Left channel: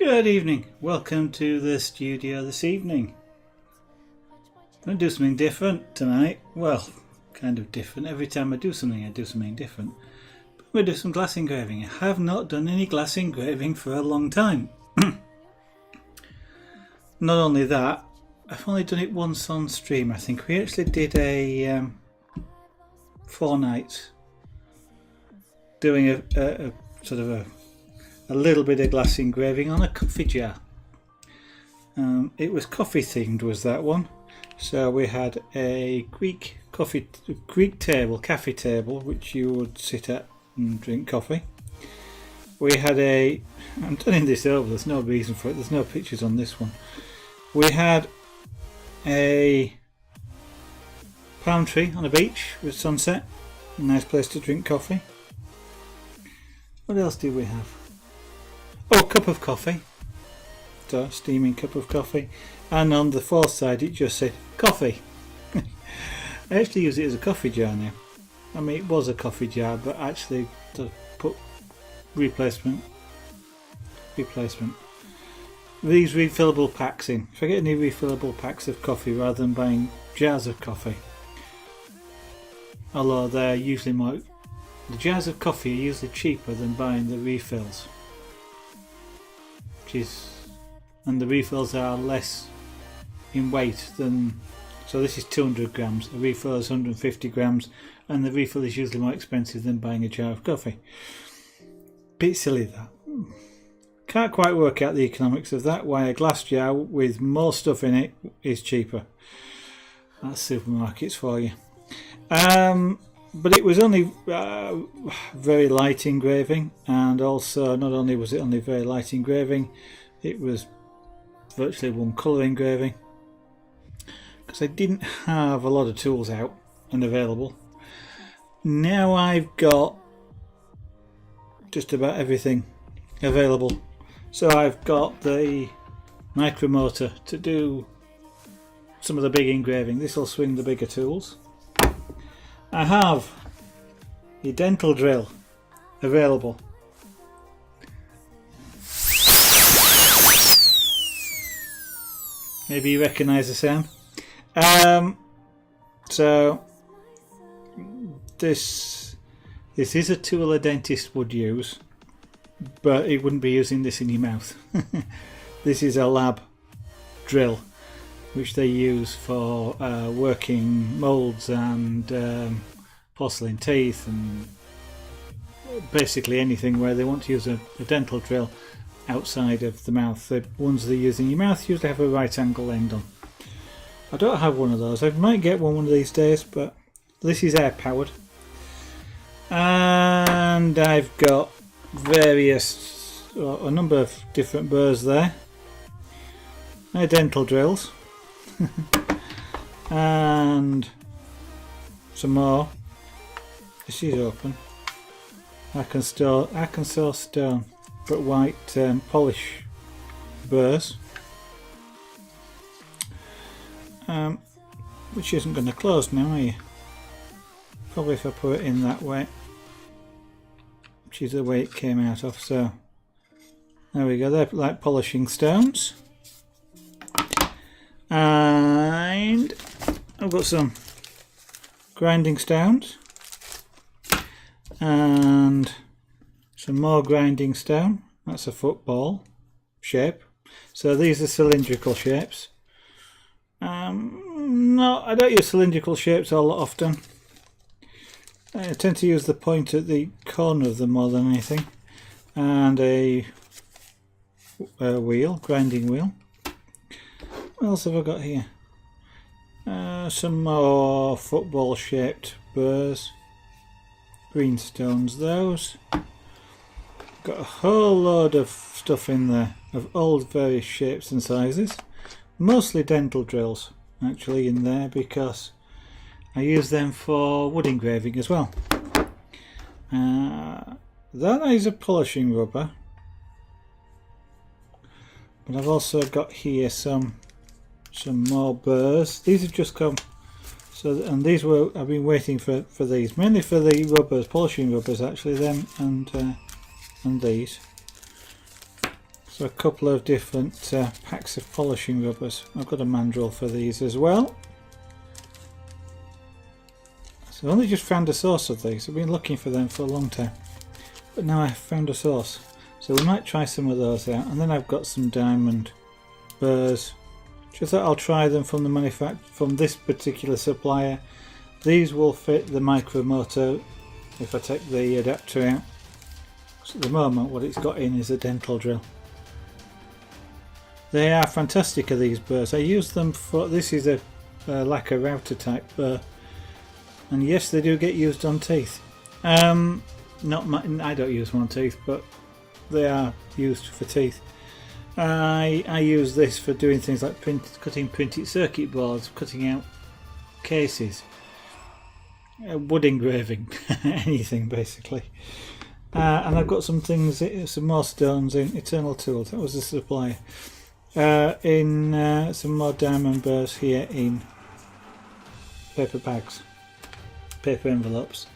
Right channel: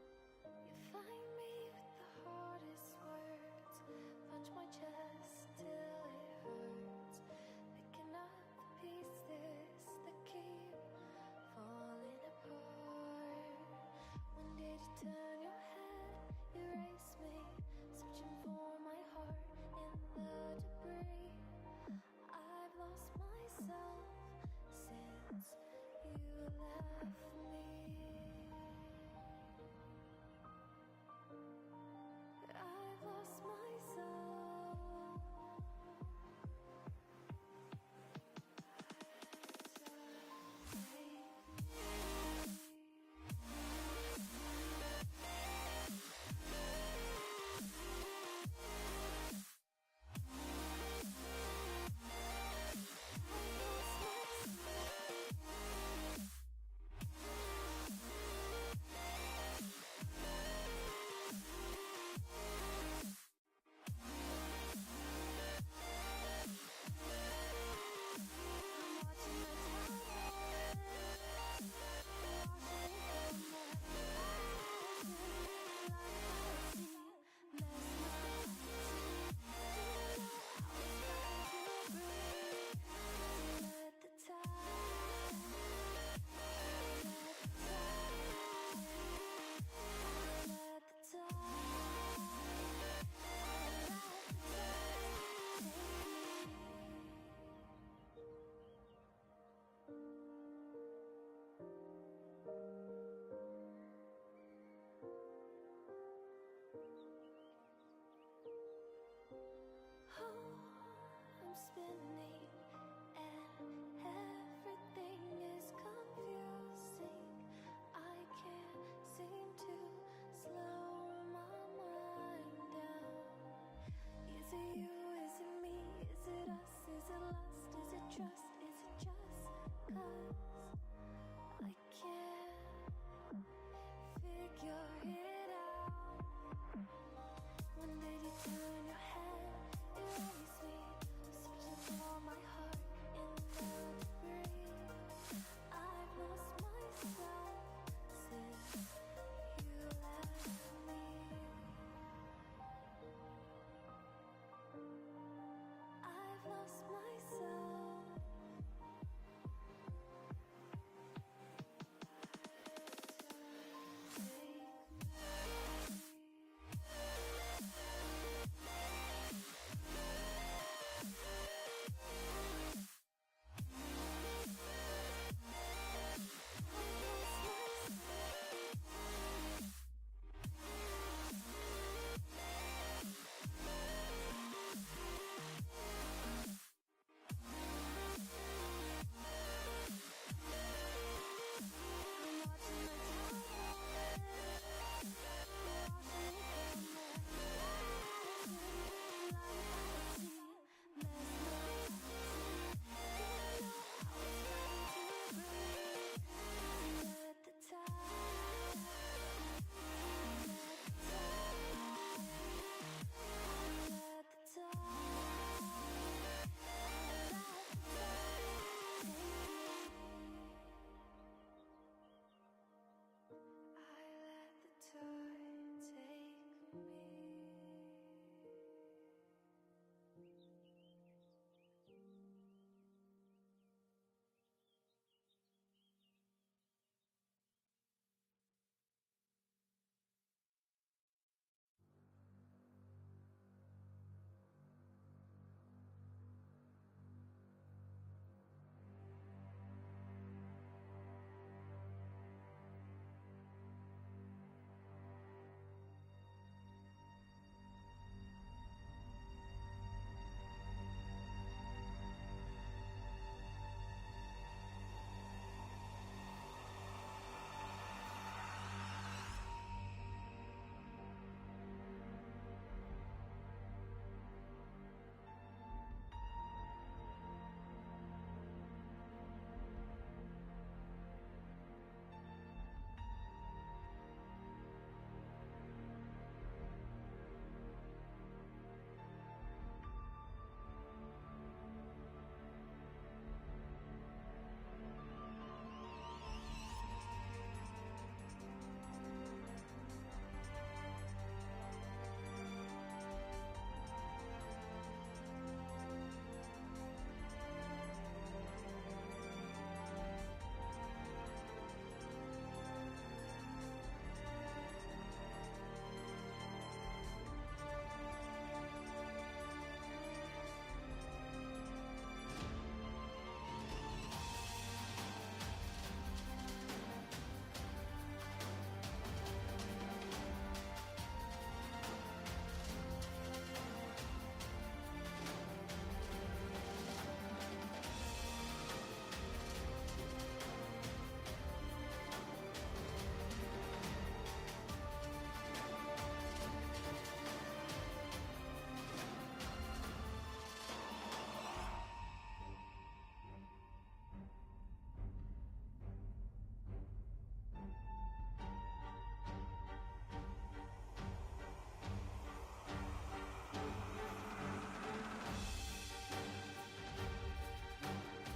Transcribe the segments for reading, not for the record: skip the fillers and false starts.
Good evening, welcome to the studio this evening. I'm going to do something different tonight. Well, kind of different. Every time I do something different. But I'm going to do some glass engraving. I have not done any glass engraving for a long time. Not only that, I've only done it once on stream. I think we actually did a 4 nights doing a sort of a little bit of glass engraving on a coffee jar. It was coffee themed, was that one? So we had a Greek table, cafe table, which you would sit at and drink coffee. We had I'm turning this over, there's no reason for it, there's no pictures on this one. We had a palm tree on a beach with sunset, a nice place to drink coffee. What else did we have? Oh, a cup of coffee, so steaming cup of coffee, and on the fourth side it just said coffee. I actually use it as a coffee jar now. I mean, it was a coffee jar, but actually to put replacement. These refillable packs in. If I get any refillable packs of coffee rather than buying jars of coffee, although they're usually more, the jars of coffee are usually cheaper than buying the refills, and the refills are less in weight than. So this is 200 grams. The refill is 150 grams, and the refill is usually more expensive than buying a jar of coffee. Bit silly that. Can't quite work out the economics of that, why a glass jar with more stuff in it is cheaper. That's supermarkets for you. But it was only very light engraving, and also not only was it only very light engraving, it was virtually one colour engraving, because I didn't have a lot of tools out and available. Now I've got just about everything available. So I've got the Micromotor to do some of the big engraving. This will swing the bigger tools. I have the dental drill available. Maybe you recognise the sound. So this is a tool a dentist would use, but it wouldn't be using this in your mouth. This is a lab drill which they use for working moulds and porcelain teeth and basically anything where they want to use a dental drill outside of the mouth. The ones they use in your mouth usually have a right angle end on. I don't have one of those. I might get one of these days, but this is air powered. And I've got a number of different burrs there. My dental drills. And some more. This is open. I can sell stone, but white polish burrs, which isn't going to close now, are you? Probably if I put it in that way, which is the way it came out of. So there we go. They're like polishing stones. And I've got some grinding stones and some more grinding stone. That's a football shape. So these are cylindrical shapes. No, I don't use cylindrical shapes all that often. I tend to use the point at the corner of them more than anything. And a wheel, grinding wheel. What else have I got here? Some more football shaped burrs. Green stones, those. Got a whole load of stuff in there of all various shapes and sizes. Mostly dental drills actually in there, because I use them for wood engraving as well. That is a polishing rubber, but I've also got here some more burrs. These have just come, and these I've been waiting for these, mainly for the rubbers, polishing rubbers actually, them and these. So a couple of different packs of polishing rubbers. I've got a mandrel for these as well. So I only just found a source of these. I've been looking for them for a long time, but now I've found a source. So we might try some of those out. And then I've got some diamond burrs Just thought I'll try them from the from this particular supplier. These will fit the Micromotor if I take the adapter out. So at the moment what it's got in is a dental drill. They are fantastic, these burrs. I use them for, this is a lacquer router type burr, and yes, they do get used on teeth. I don't use them on teeth, but they are used for teeth. I use this for doing things like cutting printed circuit boards, cutting out cases, wood engraving, anything basically. And I've got some things, some more stones in Eternal Tools. That was the supplier. In some more diamond burrs here in paper bags, paper envelopes.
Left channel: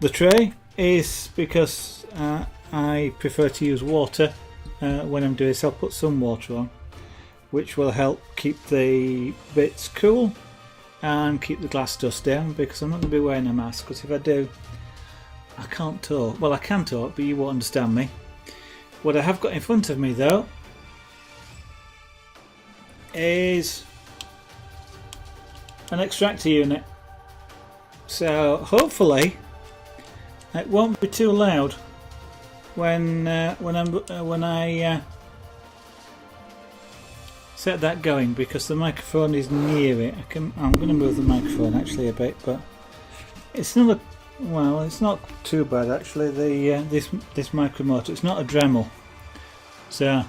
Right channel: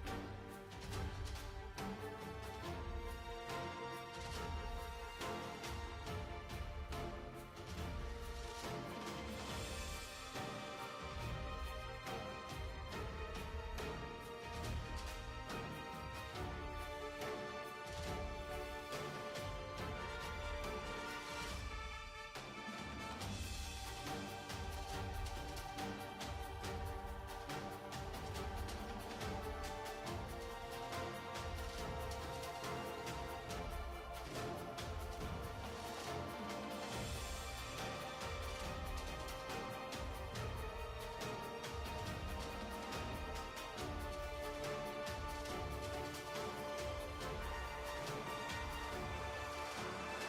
The tray is because I prefer to use water when I'm doing this. I'll put some water on, which will help keep the bits cool and keep the glass dust down, because I'm not going to be wearing a mask, because if I do I can't talk. Well, I can talk, but you won't understand me. What I have got in front of me though is an extractor unit, so hopefully it won't be too loud when I set that going, because the microphone is near it. I'm going to move the microphone actually a bit, but it's not it's not too bad actually. The this Micromotor, it's not a Dremel, so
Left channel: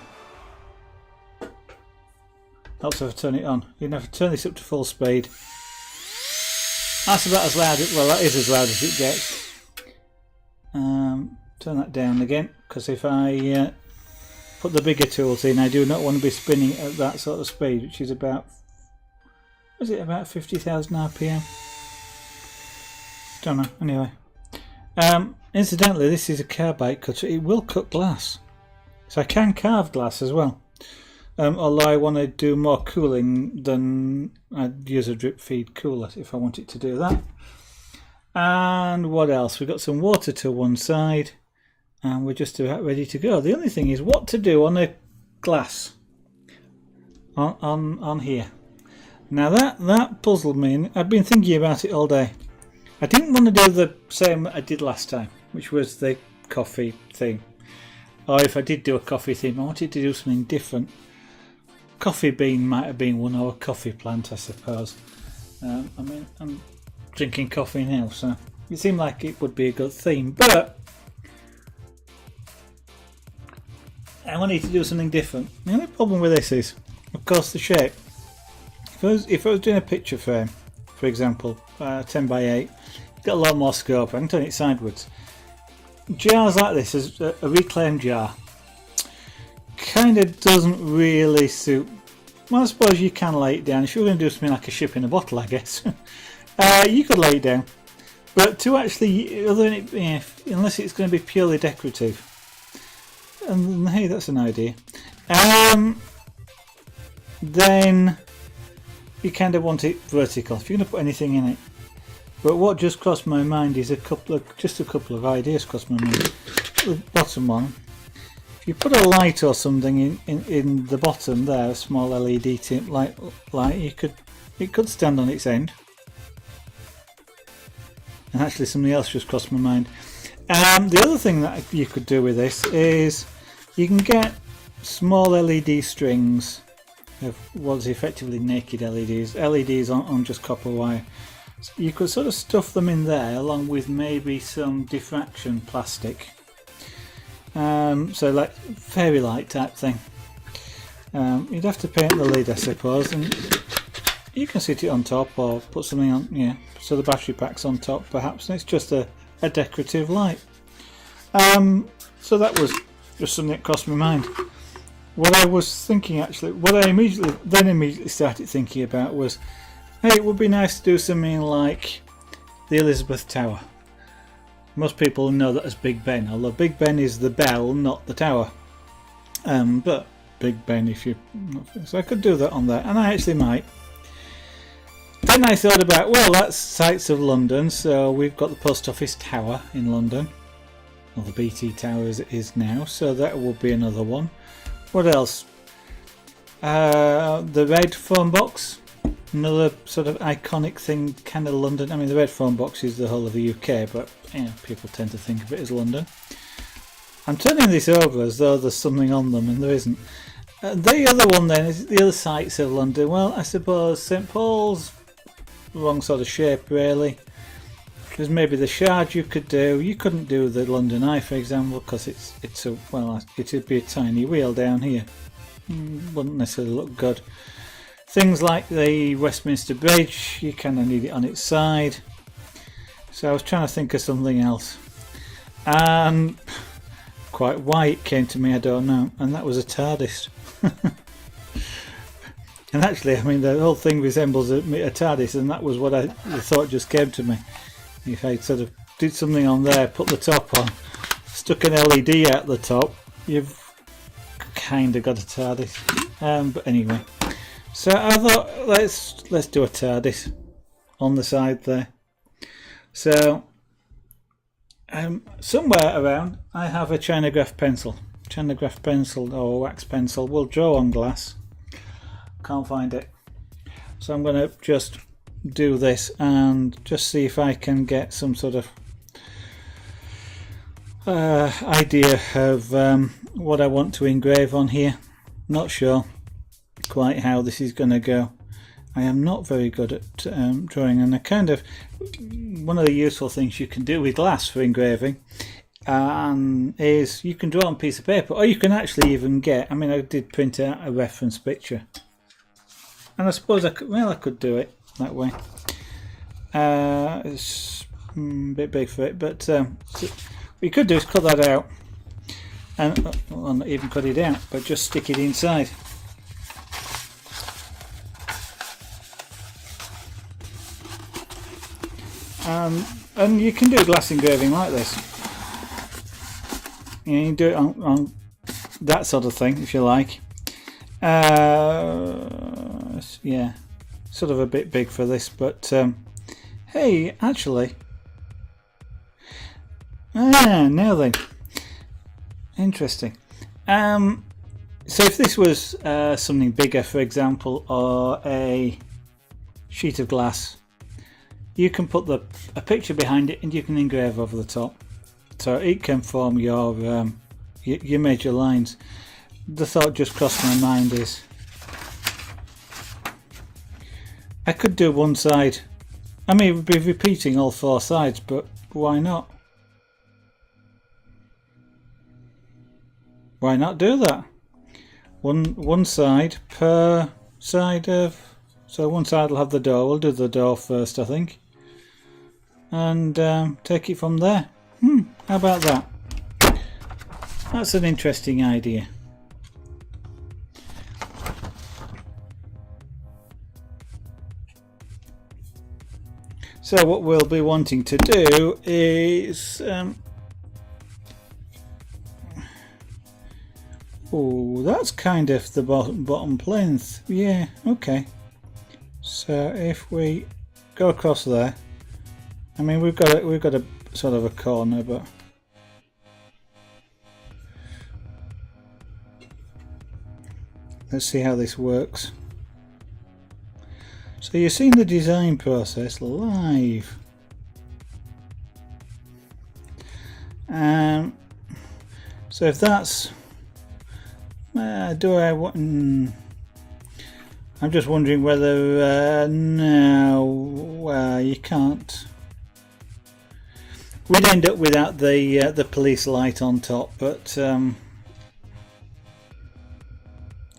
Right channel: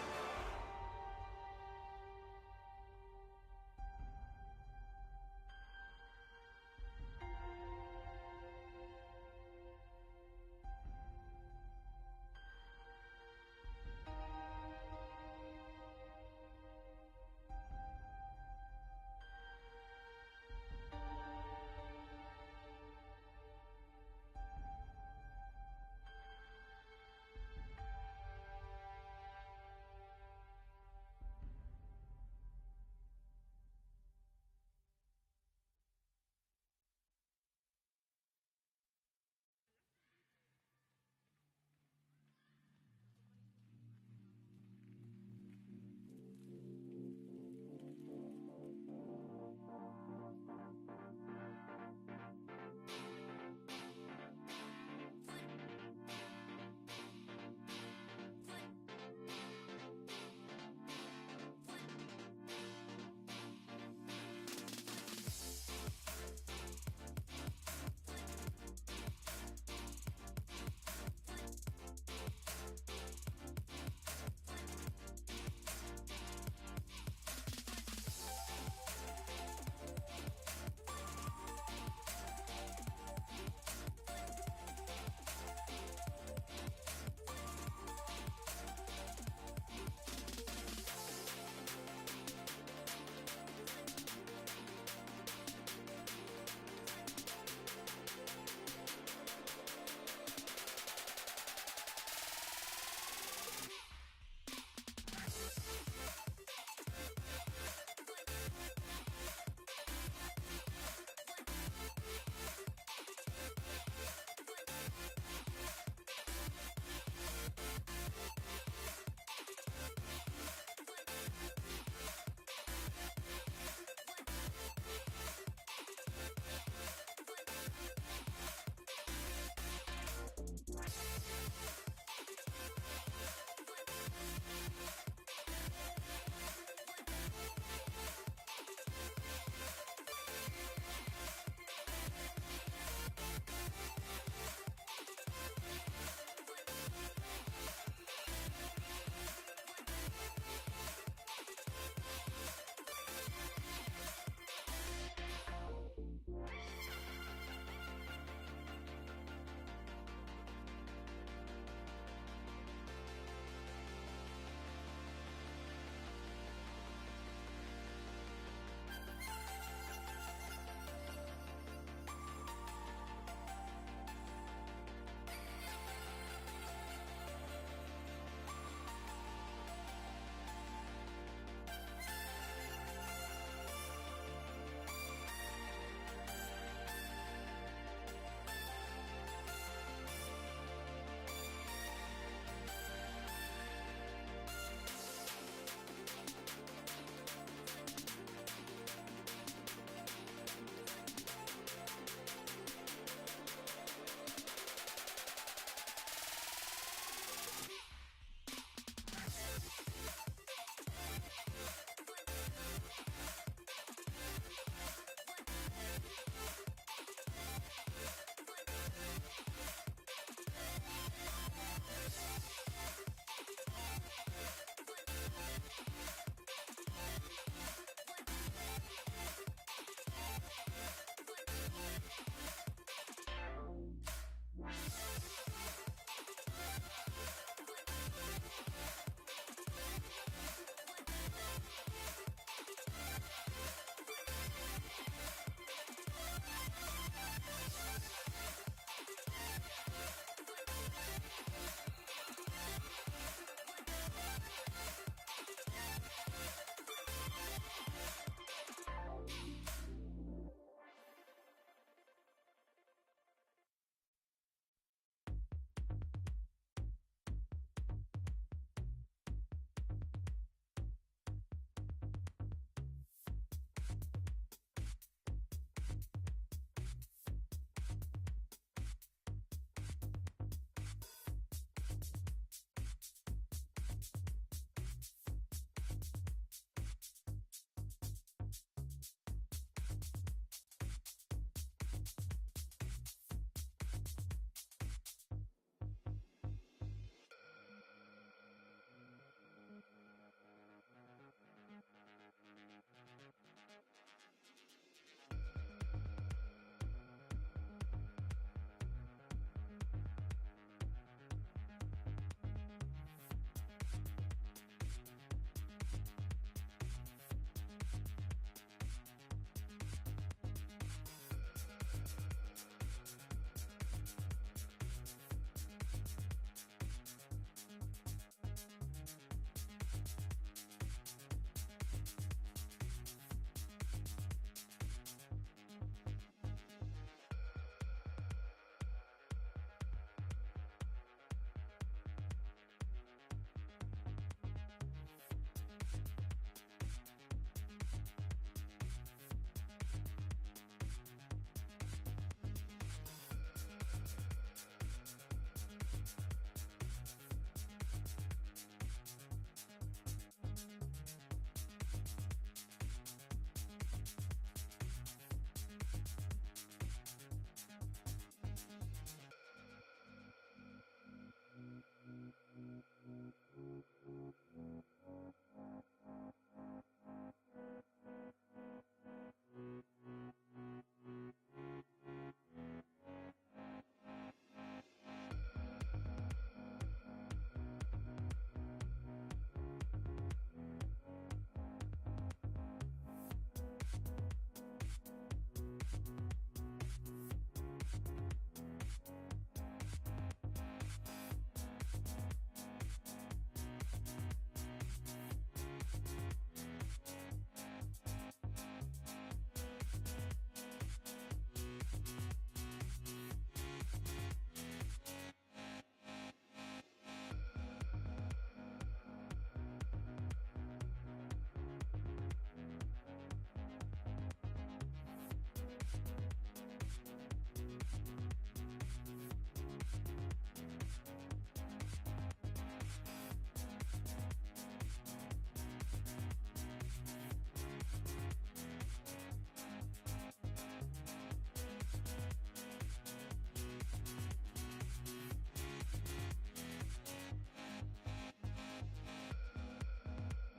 helps if I turn it on. You have to turn this up to full speed. That's about as loud. Well, that is as loud as it gets. Turn that down again, because if I put the bigger tools in, I do not want to be spinning at that sort of speed, which is about, was it about 50,000 RPM? Don't know. Anyway, incidentally, this is a carbide cutter. It will cut glass, so I can carve glass as well. Although I want to do more cooling, than I'd use a drip feed cooler if I wanted to do that. And what else? We've got some water to one side, and we're just about ready to go. The only thing is what to do on a glass on here. Now that puzzled me, and I've been thinking about it all day. I didn't want to do the same I did last time, which was the coffee theme. Or if I did do a coffee theme, I wanted to do something different. Coffee bean might have been one, or a coffee plant, I suppose. I mean, I'm drinking coffee now, so it seemed like it would be a good theme, but I wanted to do something different. The only problem with this is, of course, the shape. If I was doing a picture frame, for example, 10 by 8, got a lot more scope. I can turn it sideways. Jars like this, is a reclaimed jar, kind of doesn't really suit. Well, I suppose you can lay it down if you're going to do something like a ship in a bottle, I guess. You could lay it down, but to actually, other than it, unless it's going to be purely decorative, and hey, that's an idea. Then you kind of want it vertical if you're going to put anything in it. But what just crossed my mind is just a couple of ideas crossed my mind. The bottom one, if you put a light or something in the bottom there, a small LED light, it could stand on its end. And actually something else just crossed my mind. The other thing that you could do with this is you can get small LED strings of what's effectively naked LEDs on just copper wire. You could sort of stuff them in there along with maybe some diffraction plastic, so like fairy light type thing. You'd have to paint the lid, I suppose, and you can sit it on top or put something on, so the battery pack's on top perhaps, and it's just a decorative light. So that was just something that crossed my mind. What I was thinking actually, what I immediately started thinking about was, hey, it would be nice to do something like the Elizabeth Tower. Most people know that as Big Ben, although Big Ben is the bell, not the tower. But Big Ben, if you, so I could do that on there, and I actually might. Then I thought about, well, that's sites of London, so we've got the Post Office Tower in London, or the BT Tower as it is now, so that will be another one. What else? The red phone box, another sort of iconic thing, kind of London. I mean, the red phone box is the whole of the UK, but you know, people tend to think of it as London. I'm turning this over as though there's something on them, and there isn't. The other one then is the other sites of London. Well, I suppose St Paul's, wrong sort of shape really. There's maybe the Shard you could do. You couldn't do the London Eye, for example, because it's a, well, it'd be a tiny wheel down here. Wouldn't necessarily look good. Things like the Westminster Bridge, you kind of need it on its side. So I was trying to think of something else. Quite why it came to me, I don't know. And that was a Tardis. And actually, I mean, the whole thing resembles a Tardis, and that was what the thought just came to me. If I sort of did something on there, put the top on, stuck an LED at the top, you've kind of got a Tardis. But anyway, so I thought let's do a Tardis on the side there. So somewhere around I have a Chinagraph pencil. Chinagraph pencil or wax pencil will draw on glass. Can't find it. So I'm going to just do this and just see if I can get some sort of idea of what I want to engrave on here. Not sure quite how this is going to go. I am not very good at drawing, and one of the useful things you can do with glass for engraving is you can draw on a piece of paper, or you can actually even get, I mean, I did print out a reference picture, and I suppose I could do it that way. It's a bit big for it, but what you could do is cut that out, and well, not even cut it out, but just stick it inside. And you can do glass engraving like this. You can do it on that sort of thing if you like. Yeah, sort of a bit big for this, but hey, actually, now then, interesting. So if this was something bigger, for example, or a sheet of glass, you can put a picture behind it and you can engrave over the top, so it can form your major lines. The thought just crossed my mind is I could do one side. I mean, it would be repeating all four sides, but why not? Why not do that? One side per side of. So one side will have the door. We'll do the door first, I think, and take it from there. How about that? That's an interesting idea. So what we'll be wanting to do is oh, that's kind of the bottom plinth. Yeah, okay. So if we go across there, I mean we've got a sort of a corner, but let's see how this works. So you're seeing the design process live. So if that's do I want? I'm just wondering whether no, you can't. We'd end up without the police light on top, but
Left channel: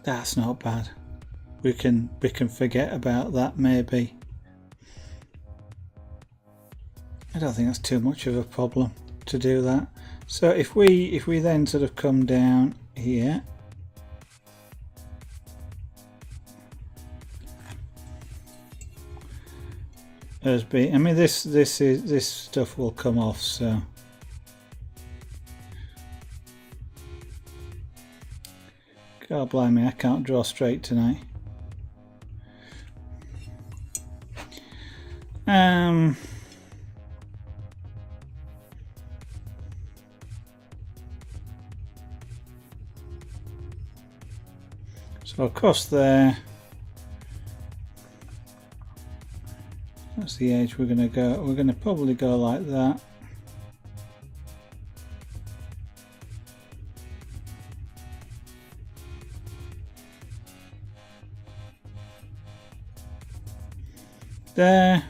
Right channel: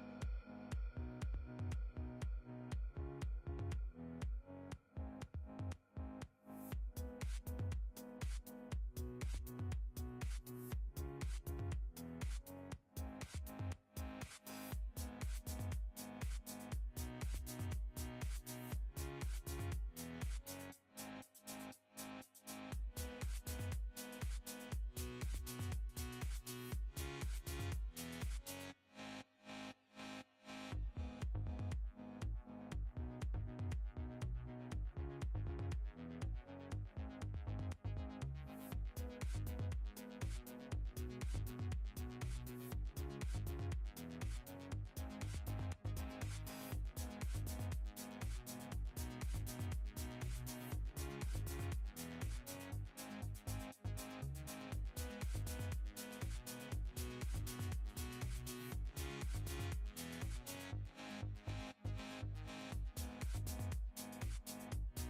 that's not bad. We can forget about that maybe. I don't think that's too much of a problem to do that. So if we then sort of come down here, I mean this stuff will come off, so God blimey, I can't draw straight tonight. So across there, that's the edge we're going to go. We're going to probably go like that. There.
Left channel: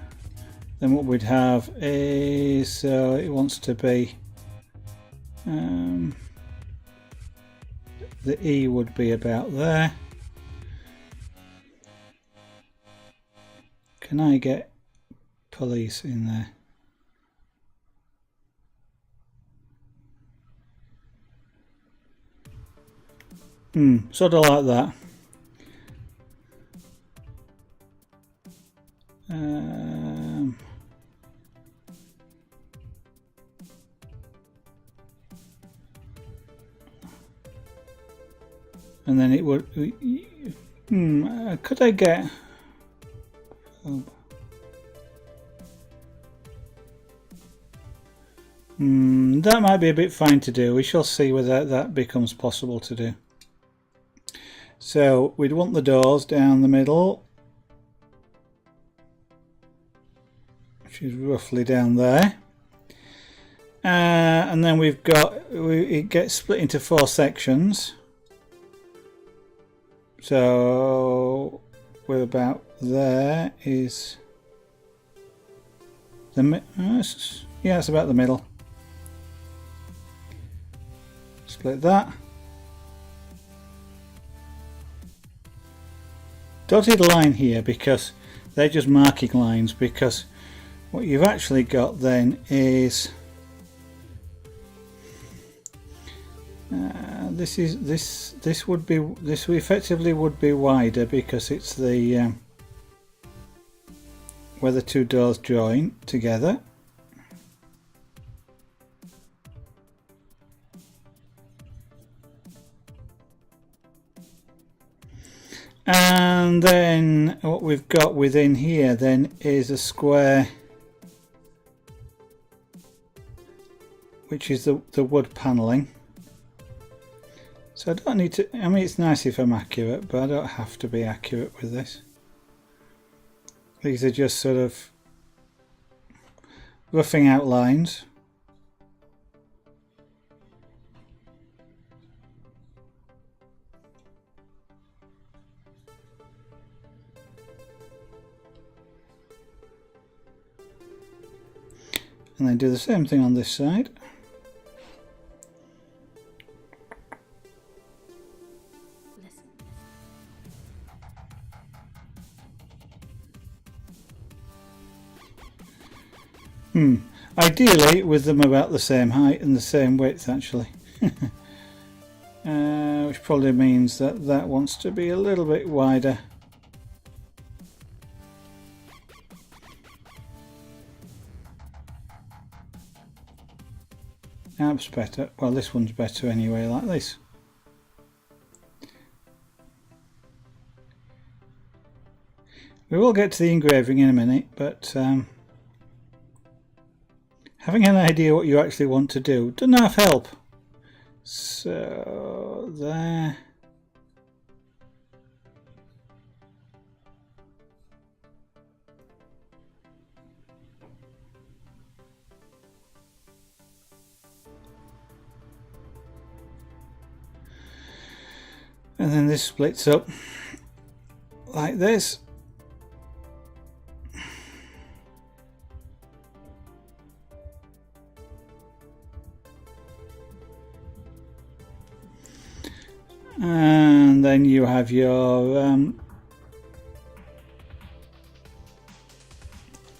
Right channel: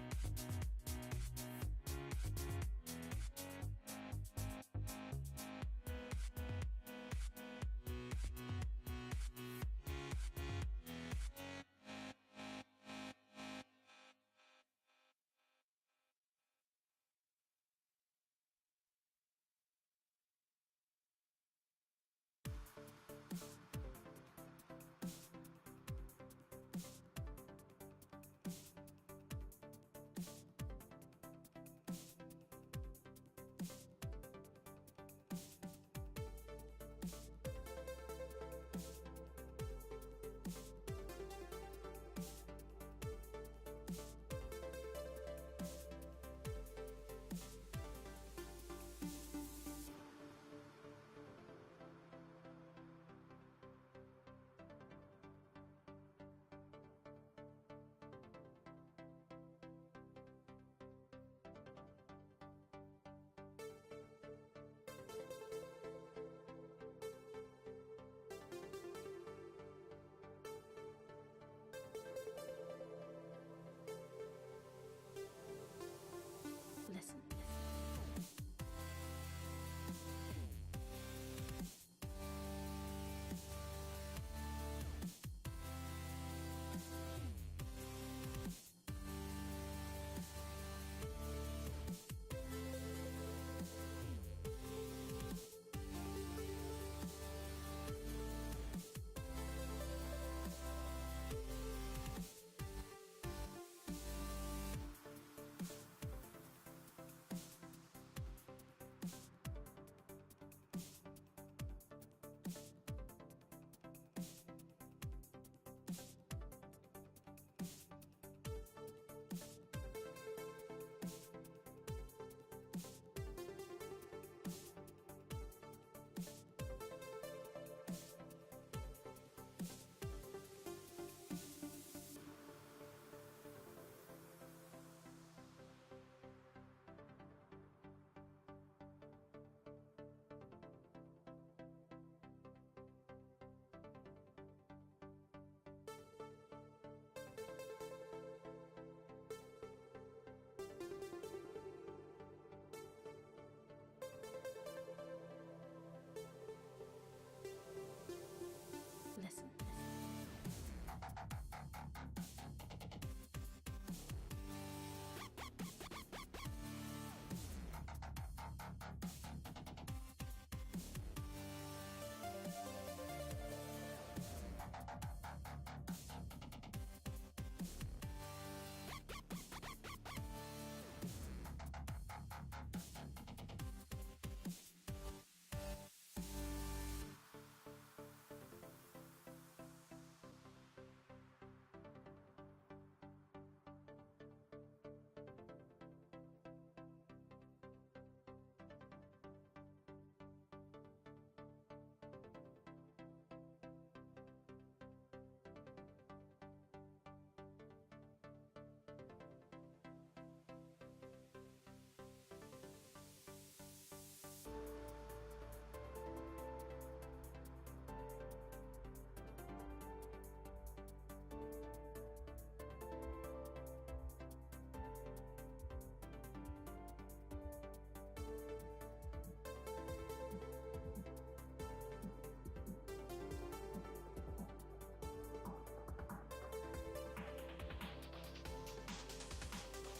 Then what we'd have is, it wants to be, the E would be about there. Can I get police in there? Sort of like that. And then it would. Could I get? That might be a bit fine to do. We shall see whether that becomes possible to do. So we'd want the doors down the middle, which is roughly down there. And then we've got, it gets split into 4 sections. So we're about there is the yeah, it's about the middle. Split that. Dotted line here because they're just marking lines, because what you've actually got then is this effectively would be wider because it's the where the 2 doors join together. And then what we've got within here then is a square, which is the wood panelling. So I don't need to, I mean, it's nice if I'm accurate, but I don't have to be accurate with this. These are just sort of roughing out lines. And then do the same thing on this side. Ideally with them about the same height and the same width actually. Which probably means that that wants to be a little bit wider. That's better. Well, this one's better anyway, like this. We will get to the engraving in a minute, but having an idea what you actually want to do doesn't half help. So there. And then this splits up like this. And then you have your I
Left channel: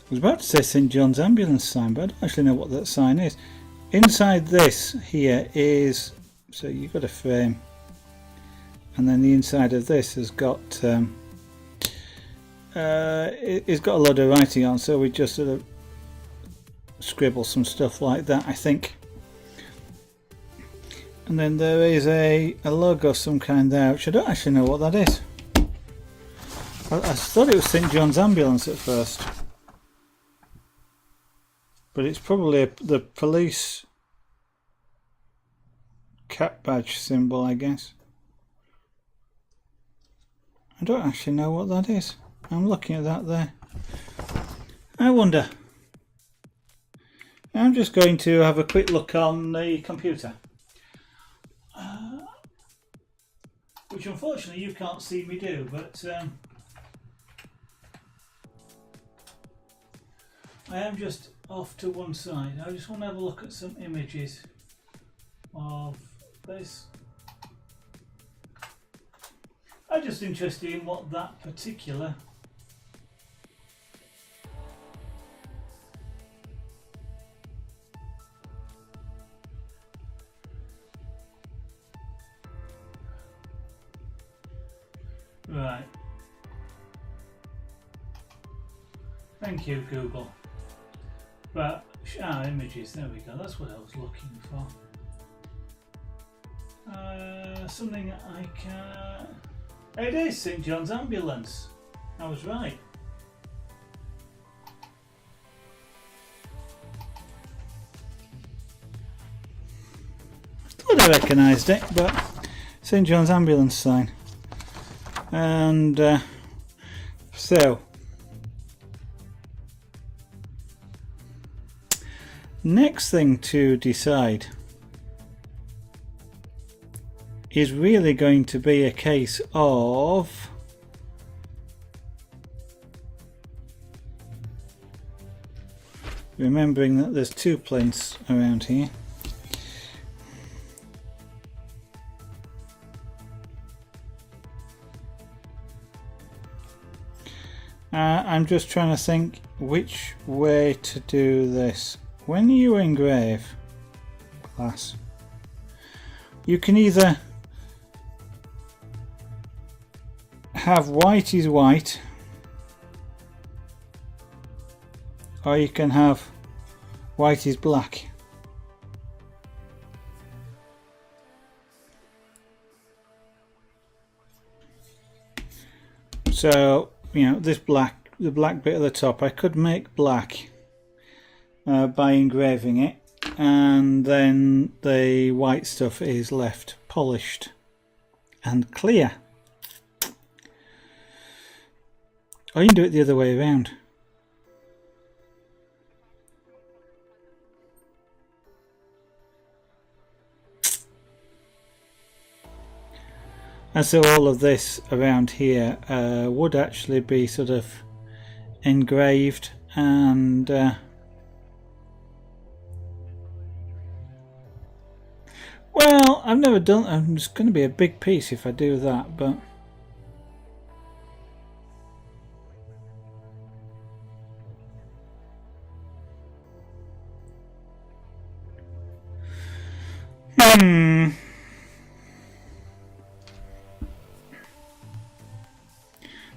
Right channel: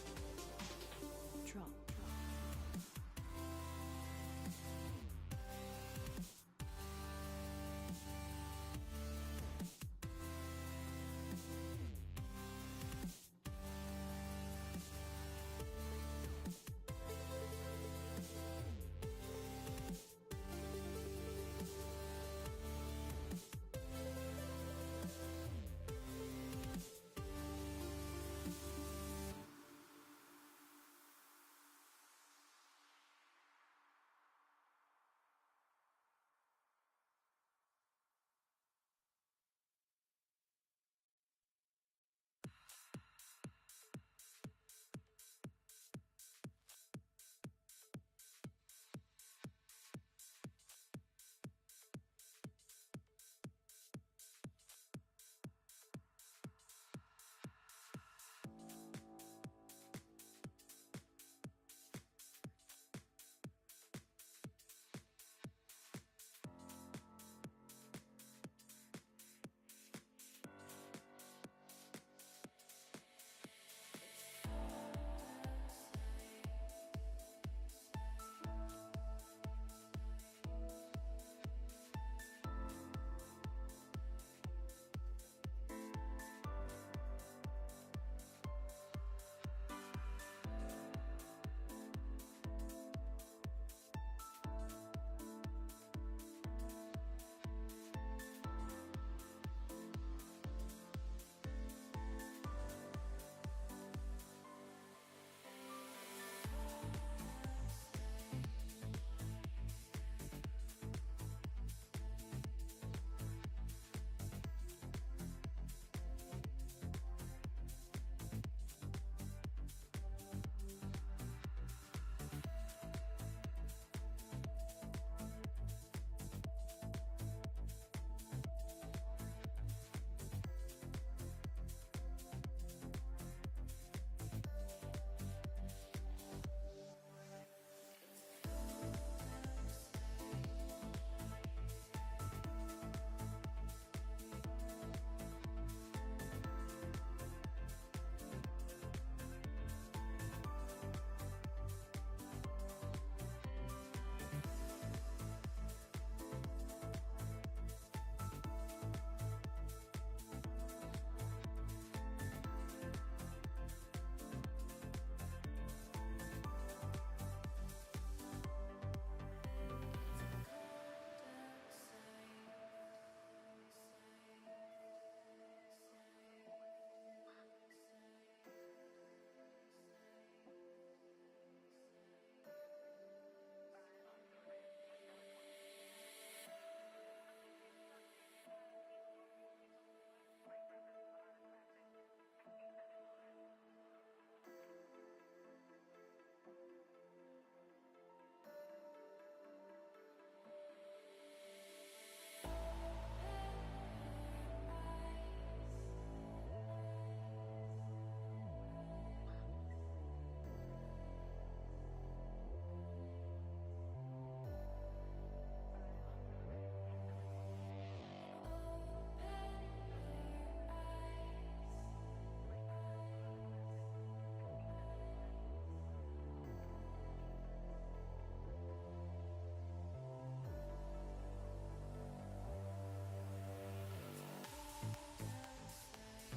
was about to say St John's ambulance sign, but I don't actually know what that sign is. Inside this here is, so you've got a frame, and then the inside of this has got it's got a load of writing on, so we just sort of scribble some stuff like that, I think. And then there is a logo of some kind there, which I don't actually know what that is. I thought it was St John's ambulance at first, but it's probably the police cap badge symbol, I guess. I don't actually know what that is. I'm looking at that there. I wonder. I'm just going to have a quick look on the computer. Which unfortunately you can't see me do, but I am just off to one side. I just want to have a look at some images of this. I'm just interested in what that particular right. Thank you, Google. But images, there we go, that's what I was looking for. Something I can... It is St John's Ambulance. I was right. I thought I recognised it, but St John's Ambulance sign. And so next thing to decide is really going to be a case of remembering that there's two plinths around here. I'm just trying to think which way to do this. When you engrave glass, you can either have white is white, or you can have white is black. So, you know, this black, the black bit at the top, I could make black by engraving it, and then the white stuff is left polished and clear. Or you can do it the other way around. And so all of this around here would actually be sort of engraved, and well, I've never done, it's going to be a big piece if I do that, but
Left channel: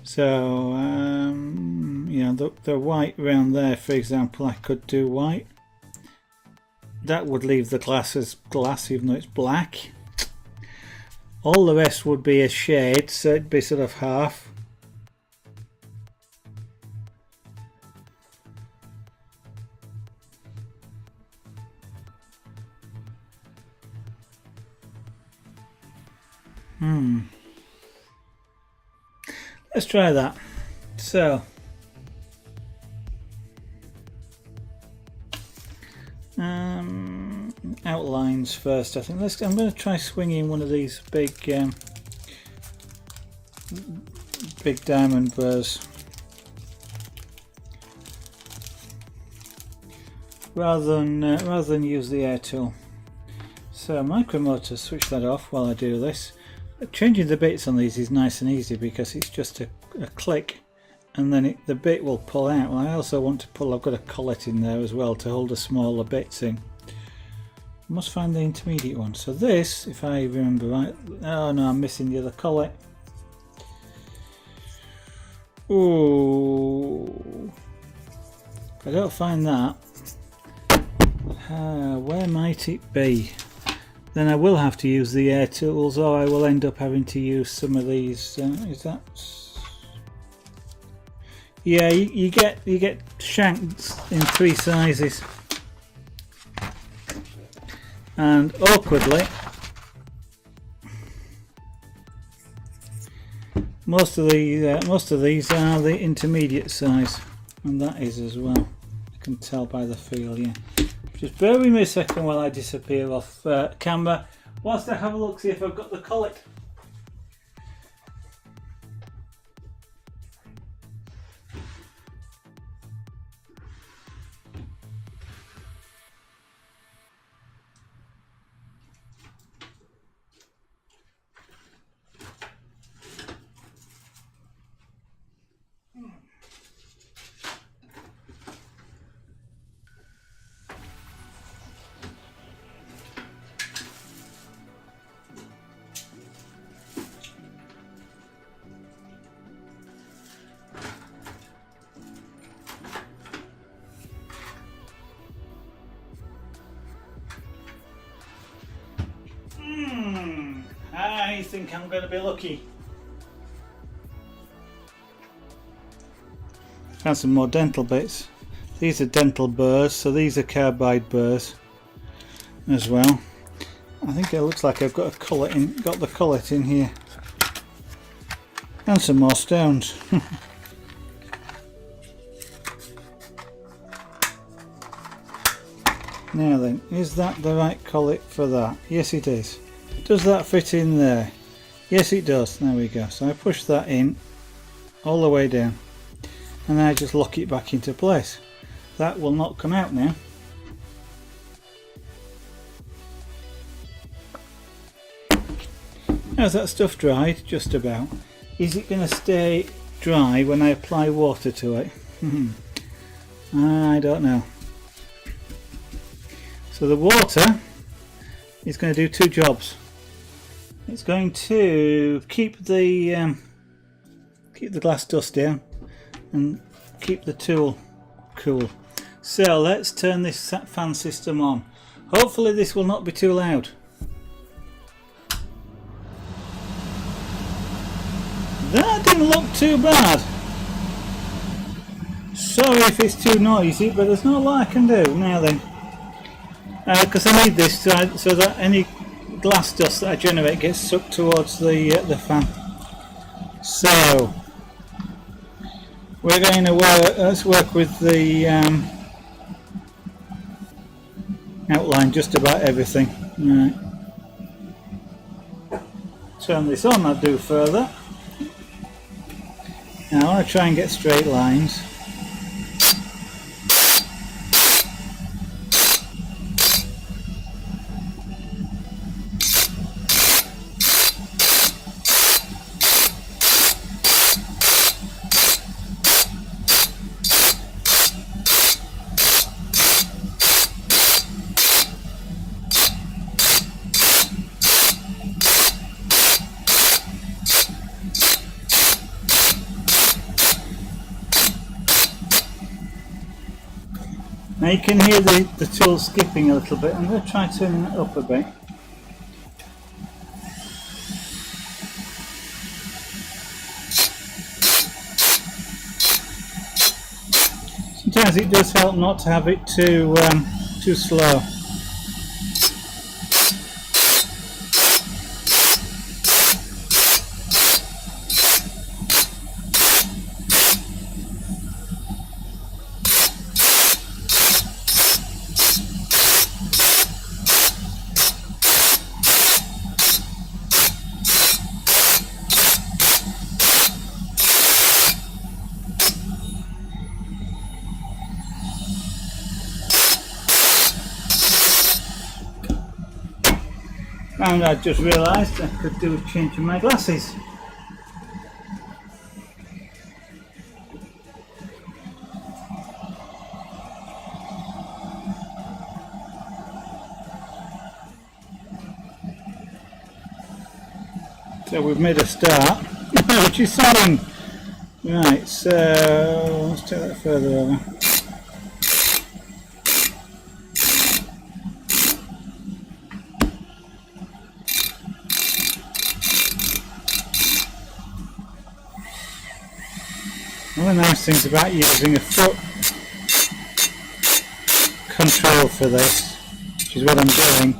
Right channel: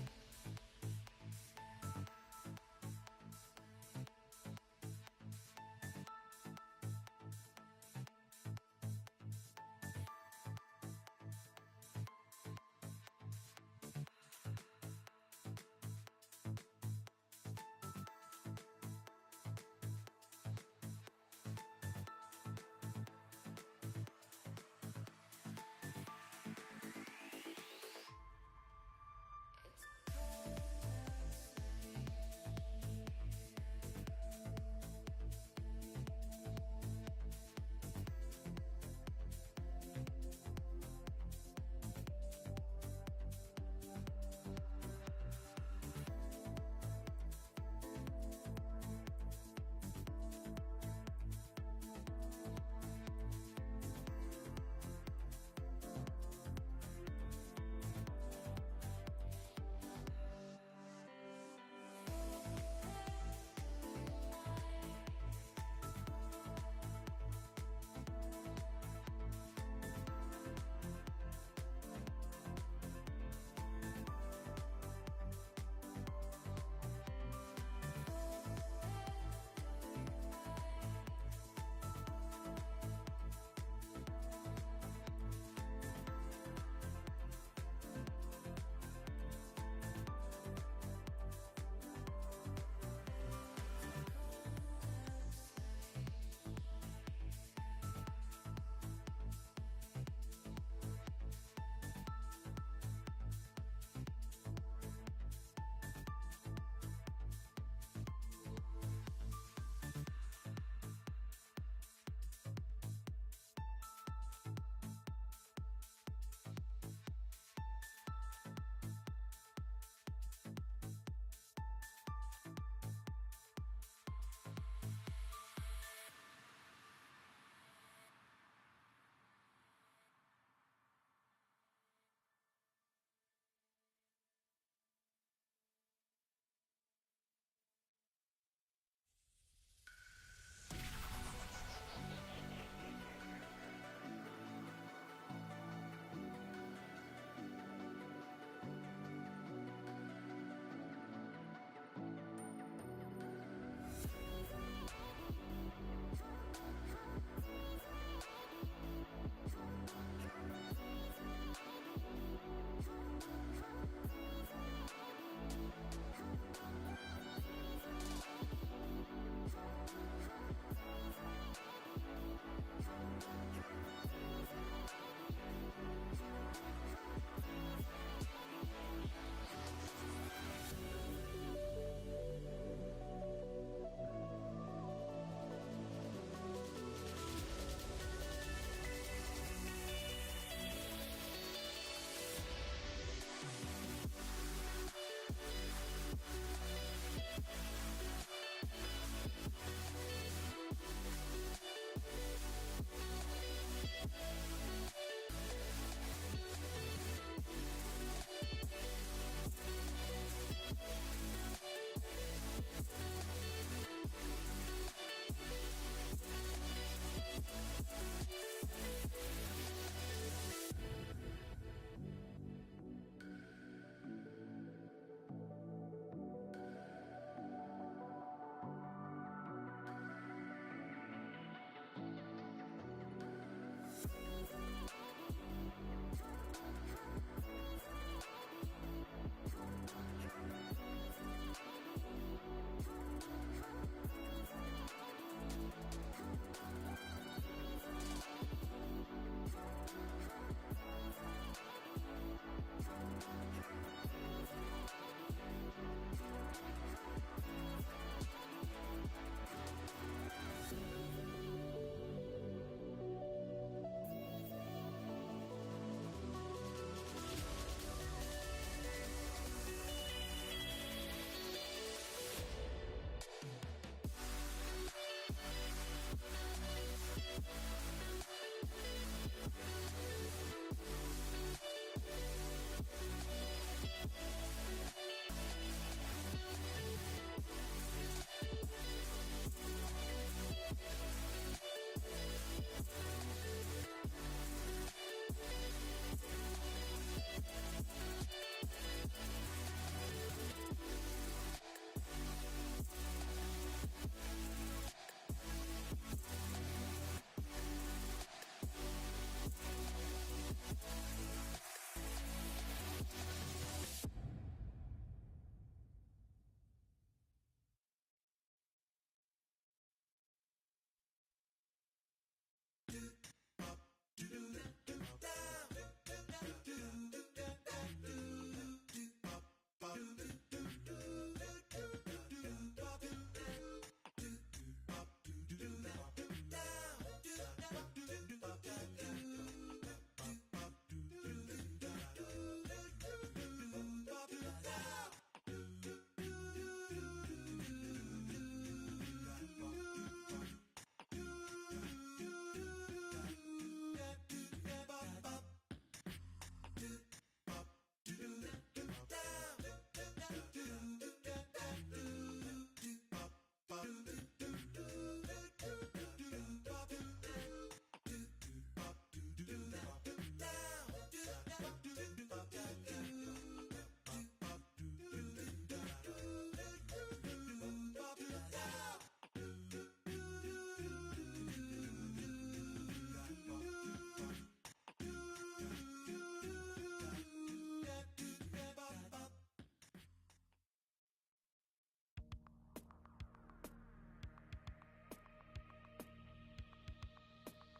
so you know, the white round there, for example, I could do white. That would leave the glass as glass even though it's black. All the rest would be a shade, so it'd be sort of half. Let's try that. So outlines first, I think. I'm going to try swinging one of these big diamond burrs rather than use the air tool. So Micromotor, switch that off while I do this. Changing the bits on these is nice and easy because it's just a click and then the bit will pull out. Well, I also want to pull, I've got a collet in there as well to hold the smaller bits in. I must find the intermediate one. So this, if I remember right, oh no, I'm missing the other collet. Ooh, if I don't find that, where might it be? Then I will have to use the air tools, or I will end up having to use some of these. Is that? Yeah, you get shanks in 3 sizes, and awkwardly, Most of these are the intermediate size, and that is as well. You can tell by the feel. Yeah. Just bear with me a second while I disappear off camera, whilst I have a look, see if I've got the collet. I think I'm going to be lucky. Found some more dental bits. These are dental burrs, so these are carbide burrs as well. I think it looks like I've got a collet in, got the collet in here, and some more stones. Now then, is that the right collet for that? Yes, it is. Does that fit in there? Yes, it does. There we go. So I push that in all the way down, and then I just lock it back into place. That will not come out now. How's that stuff dried? Just about. Is it going to stay dry when I apply water to it? I don't know. So the water is going to do two jobs. It's going to keep the glass dust down and keep the tool cool. So let's turn this fan system on. Hopefully this will not be too loud. That didn't look too bad. Sorry if it's too noisy, but there's not a lot I can do. Now then, because I need this so that any glass dust that I generate gets sucked towards the fan. So we're going to let's work with the outline just about everything. Right. Turn this on, I'll do further. Now I want to try and get straight lines. Now you can hear the tool skipping a little bit. I'm going to try turning it up a bit. Sometimes it does help not to have it too slow. And I just realised I could do a change in my glasses. So we've made a start, which is something. Right, so let's take that further over. One of the nice things about using a foot control for this, which is what I'm doing,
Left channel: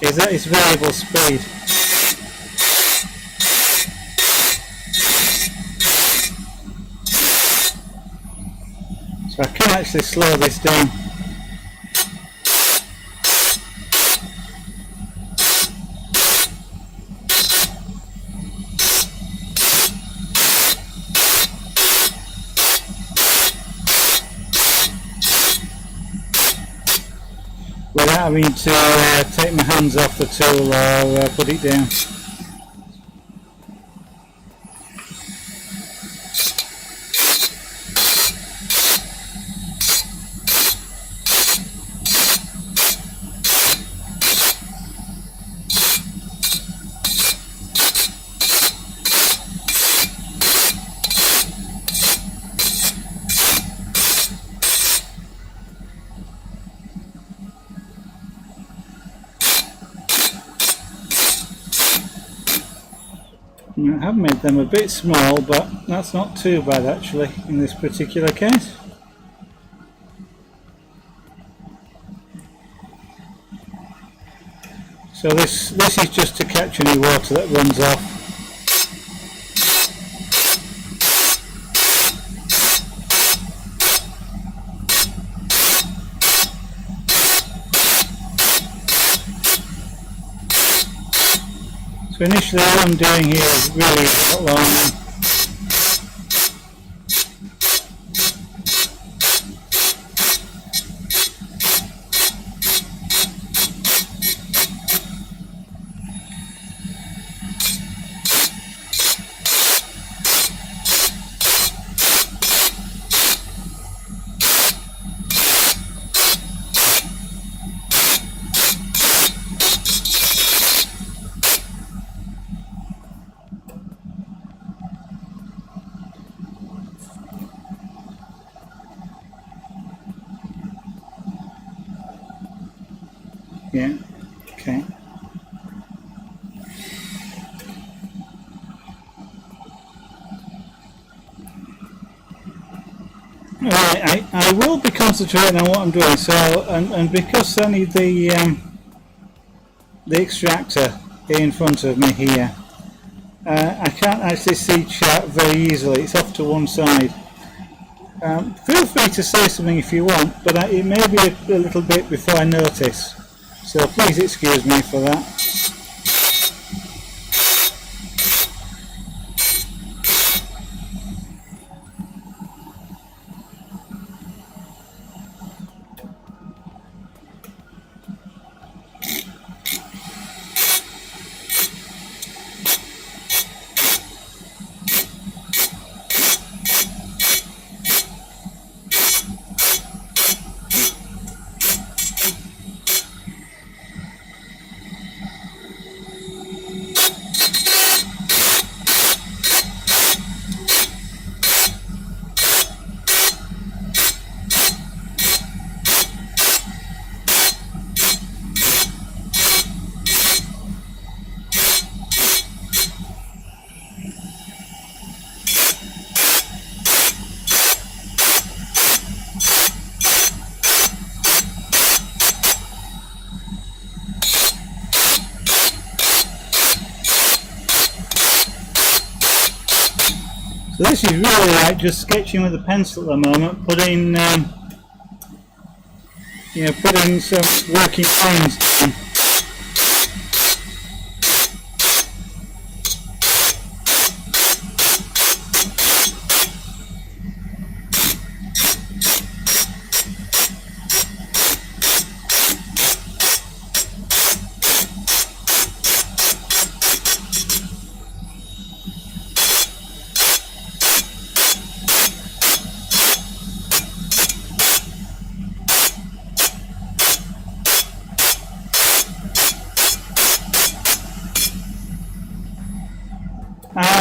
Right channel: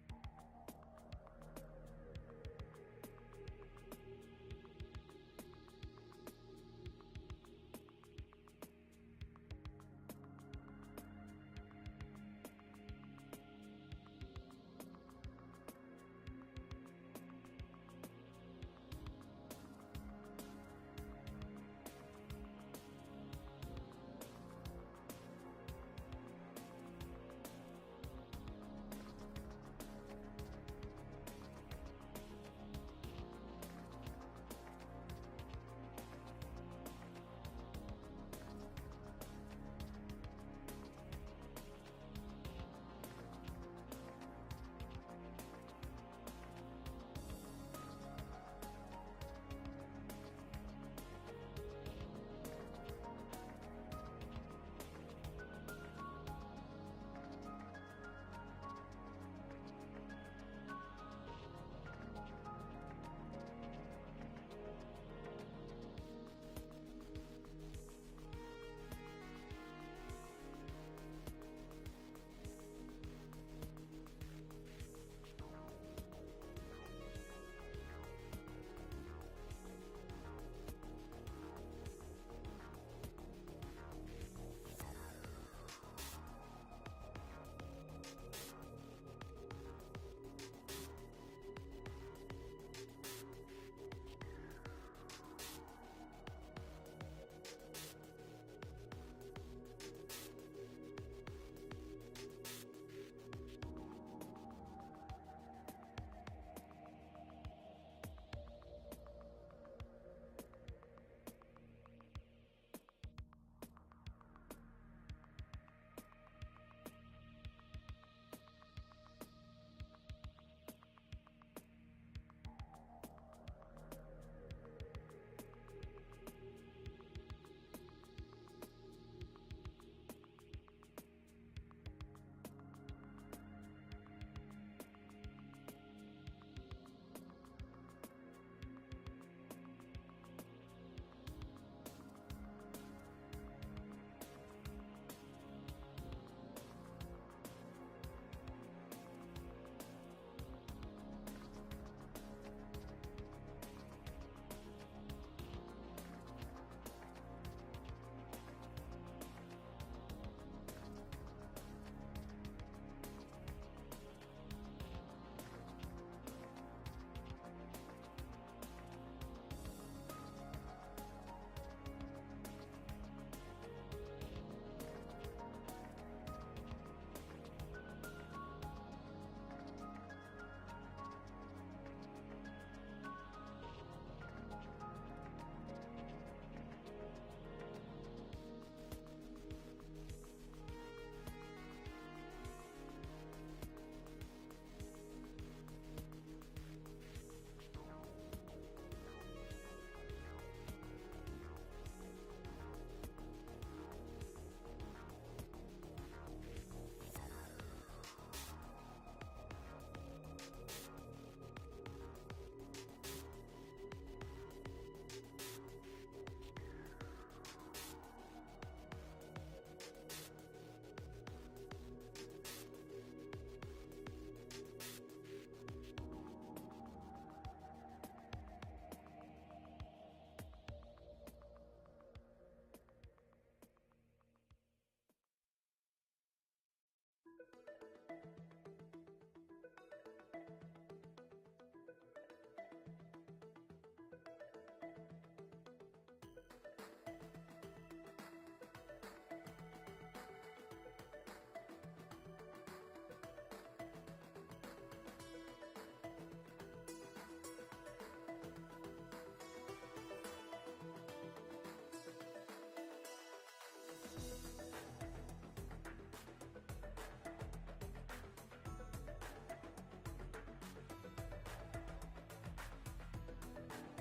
is that it's variable speed. can actually slow this down. Without having to take my hands off the tool or put it down. I have made them a bit small, but that's not too bad actually in this particular case. So this is just to catch any water that runs off. So initially all I'm doing here is really outlining. Yeah, okay. Right, I will be concentrating on what I'm doing. So, and because I need the extractor in front of me here, I can't actually see chat very easily. It's off to one side. Feel free to say something if you want, but it may be a little bit before I notice. So please excuse me for that. So this is really like just sketching with a pencil at the moment, putting putting some working lines in.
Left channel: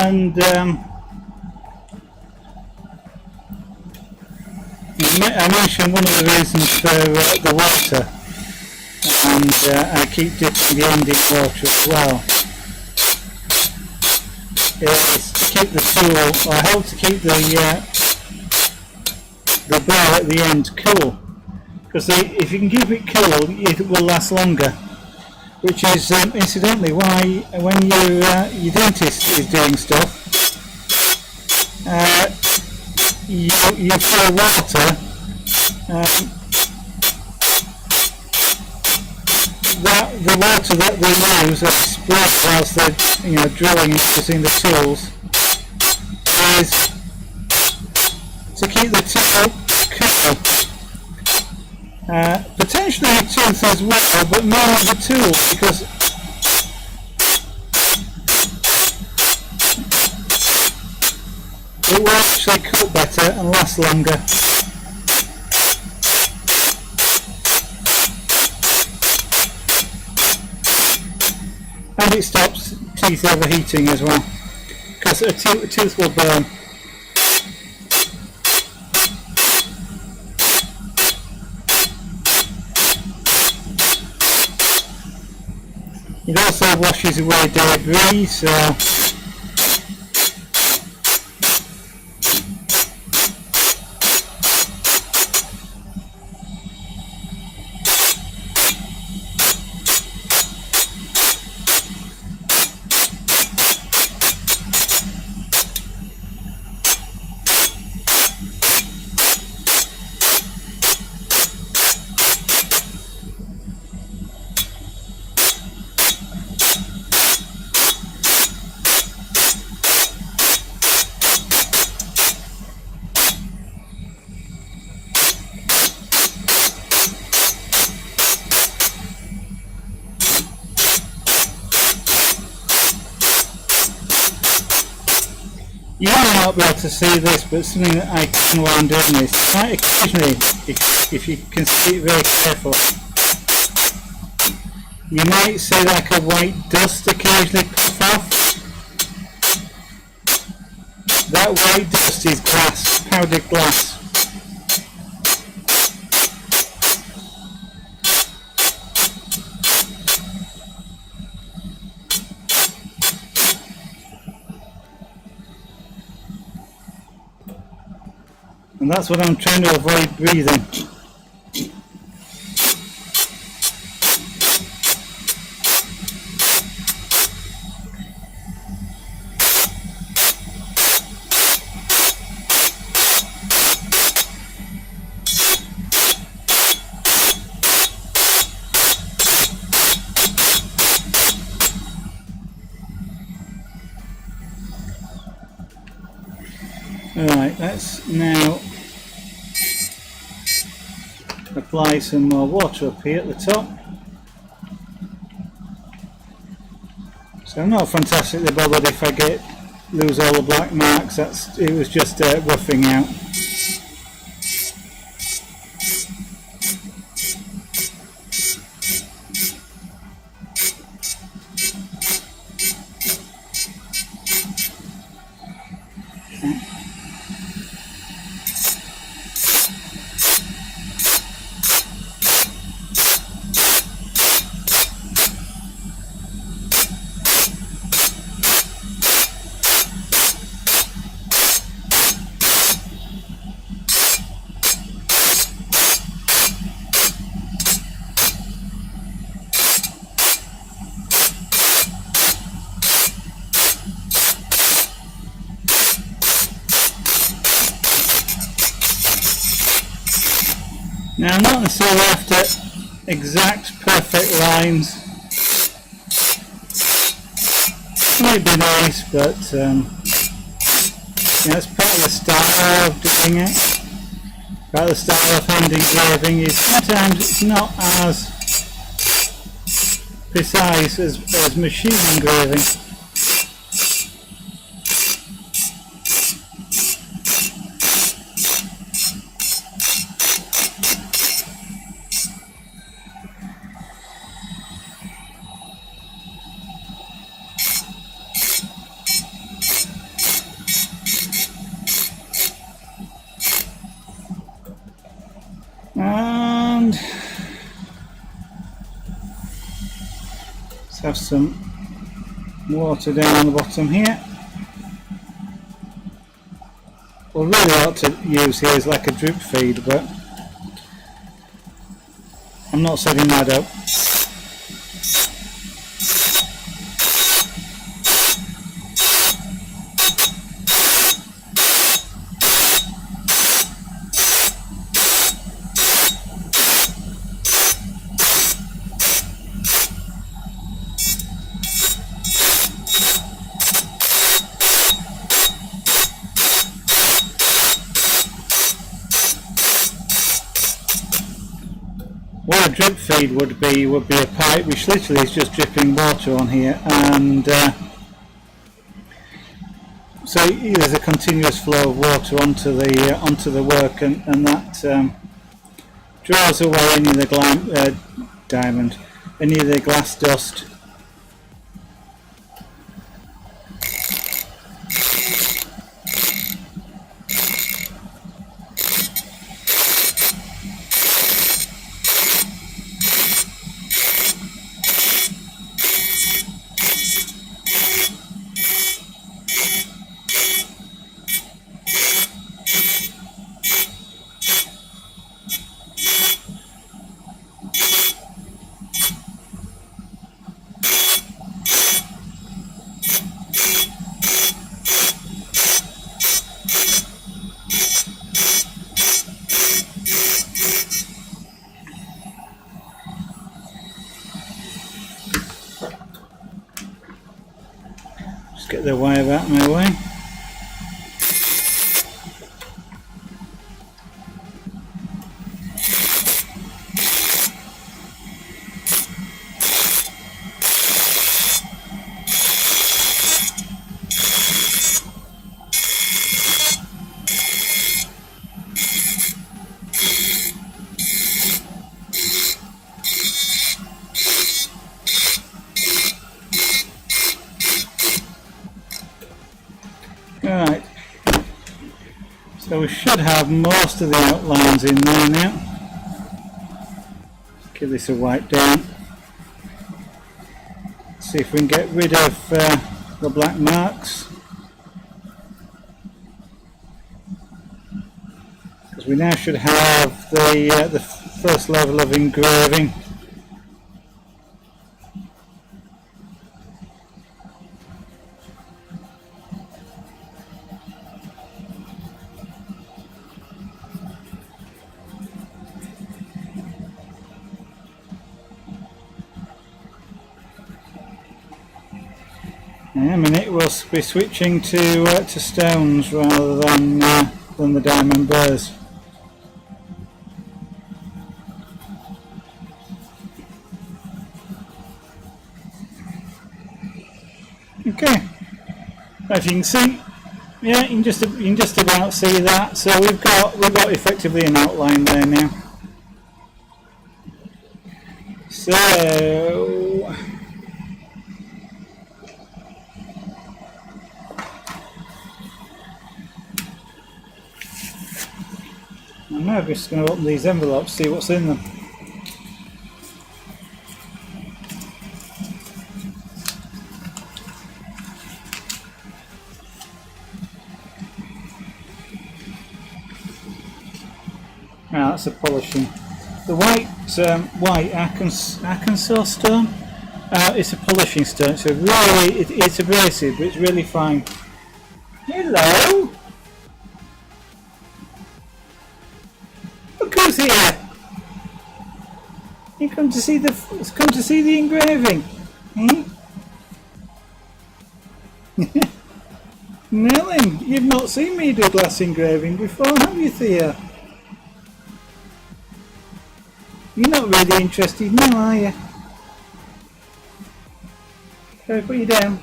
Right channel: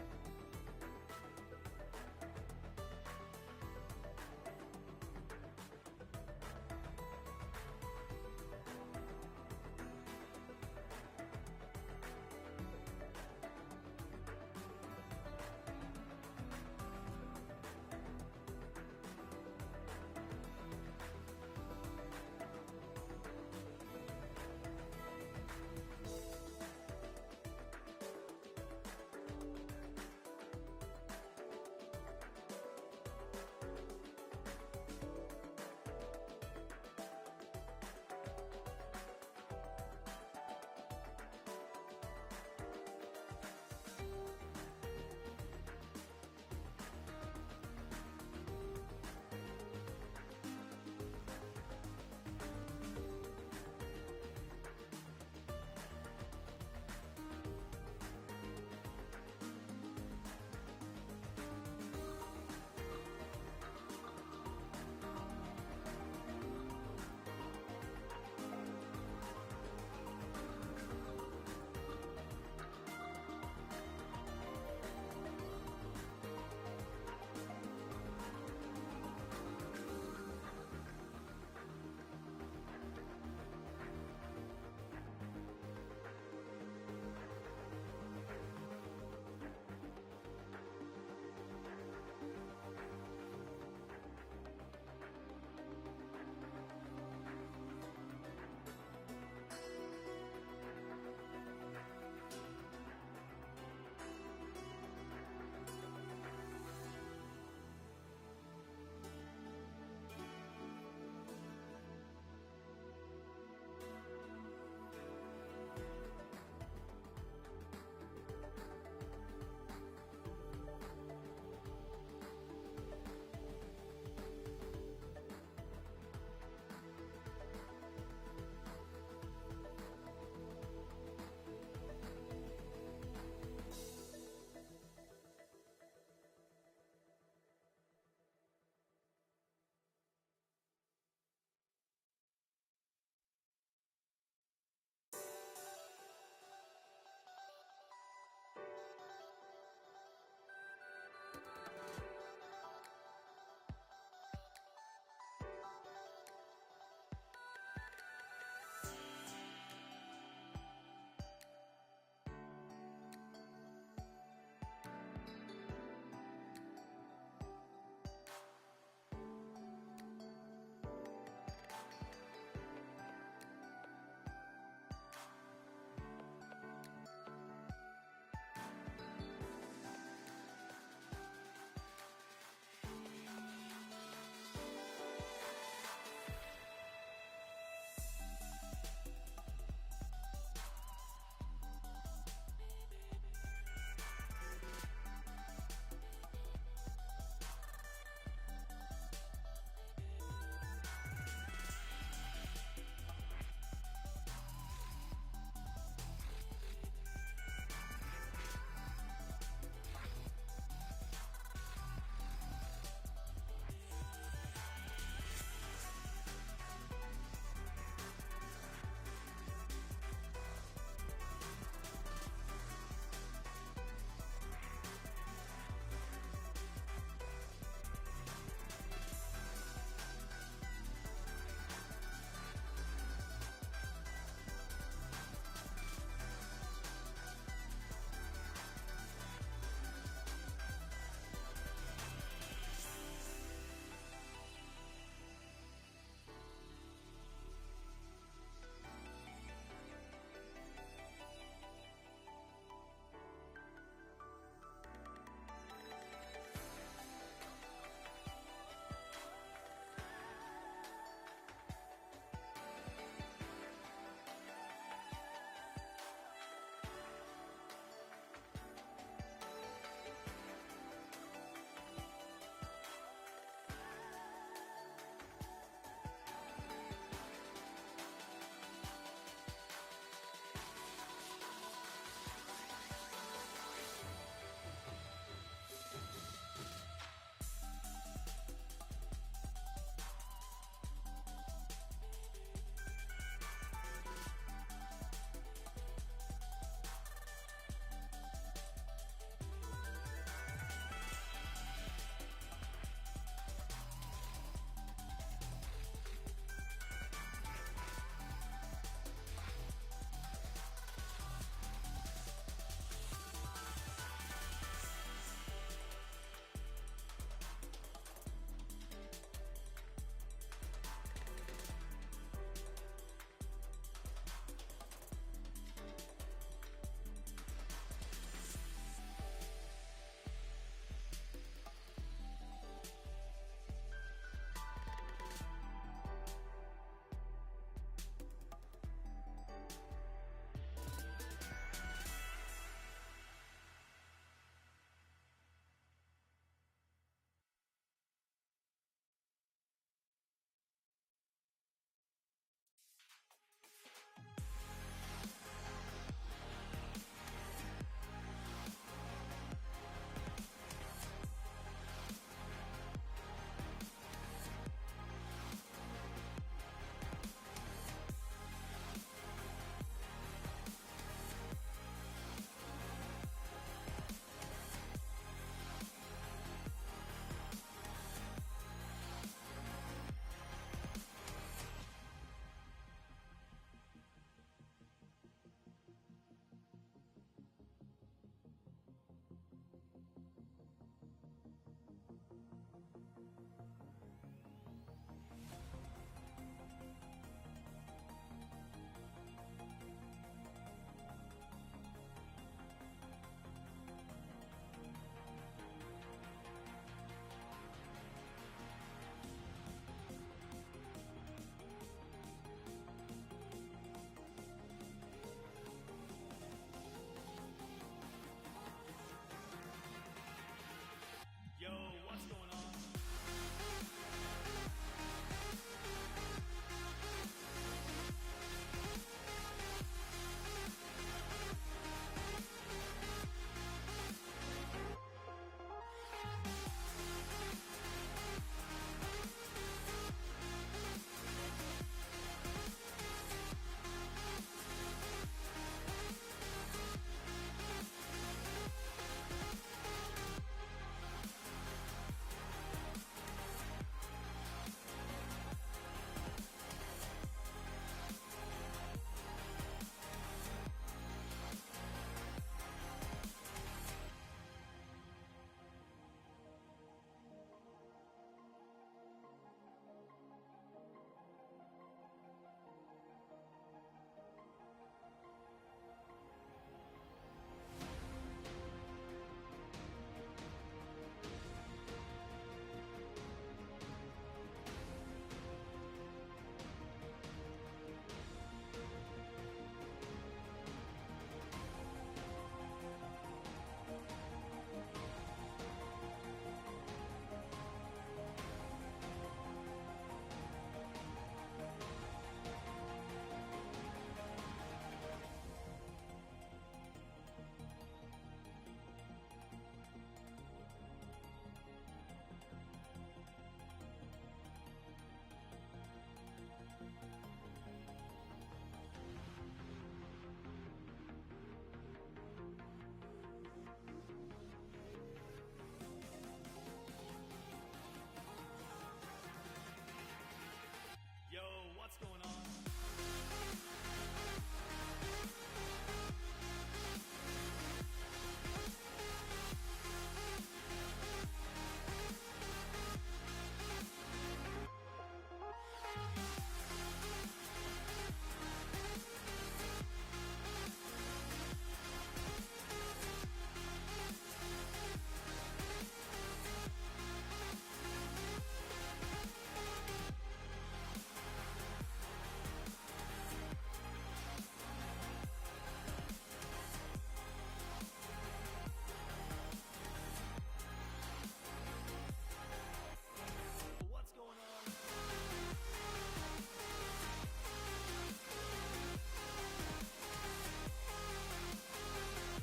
And I mentioned one of the reasons for the water, and I keep dipping the end in water as well, is to keep the tool, or I hope to keep the burr at the end cool, because if you can keep it cool, it will last longer. Which is incidentally why when your dentist is doing stuff, you fill water the water that they use, spread whilst they're drilling and using the tools, is to keep the tool cool. Potentially the tooth as well, but mainly the tool, because it will actually cool better and last longer. And it stops teeth overheating as well, because a tooth will burn. It also washes away debris, so you may not be able to see this, but something that I can while I'm doing this, quite occasionally, if you can see it very carefully, you might see like a white dust occasionally puff off. That white dust is glass, powdered glass. And that's what I'm trying to avoid breathing. Alright, let's now apply some more water up here at the top. So I'm not fantastically bothered if I lose all the black marks. It was just roughing out. Now I'm not necessarily after exact perfect lines. It might be nice, but it's part of the style of doing it. Part of the style of hand engraving is sometimes it's not as precise as machine engraving. And let's have some water down on the bottom here. What I really ought to use here is like a drip feed, but I'm not setting that up. what a drip feed would be a pipe which literally is just dripping water on here, and so there's a continuous flow of water onto the work, and that draws away any of the any of the glass dust. Get the wire out of my way. Alright, so we should have most of the outlines in there now. Give this a wipe down. See if we can get rid of the black marks. Because we now should have the first level of engraving. In a minute we'll be switching to stones rather than the diamond burrs. Okay, as you can see, yeah, you can just about see that. So we've got effectively an outline there now. So I'm now just going to open these envelopes, see what's in them. Ah, that's a polishing. The white Arkansas stone. It's a polishing stone. So really, it's abrasive, but it's really fine. Hello. Look who's here. You come to see the engraving. Eh? Nellen, you've not seen me do glass engraving before, have you, Thea? You're not really interested now, are you? Shall I put you down?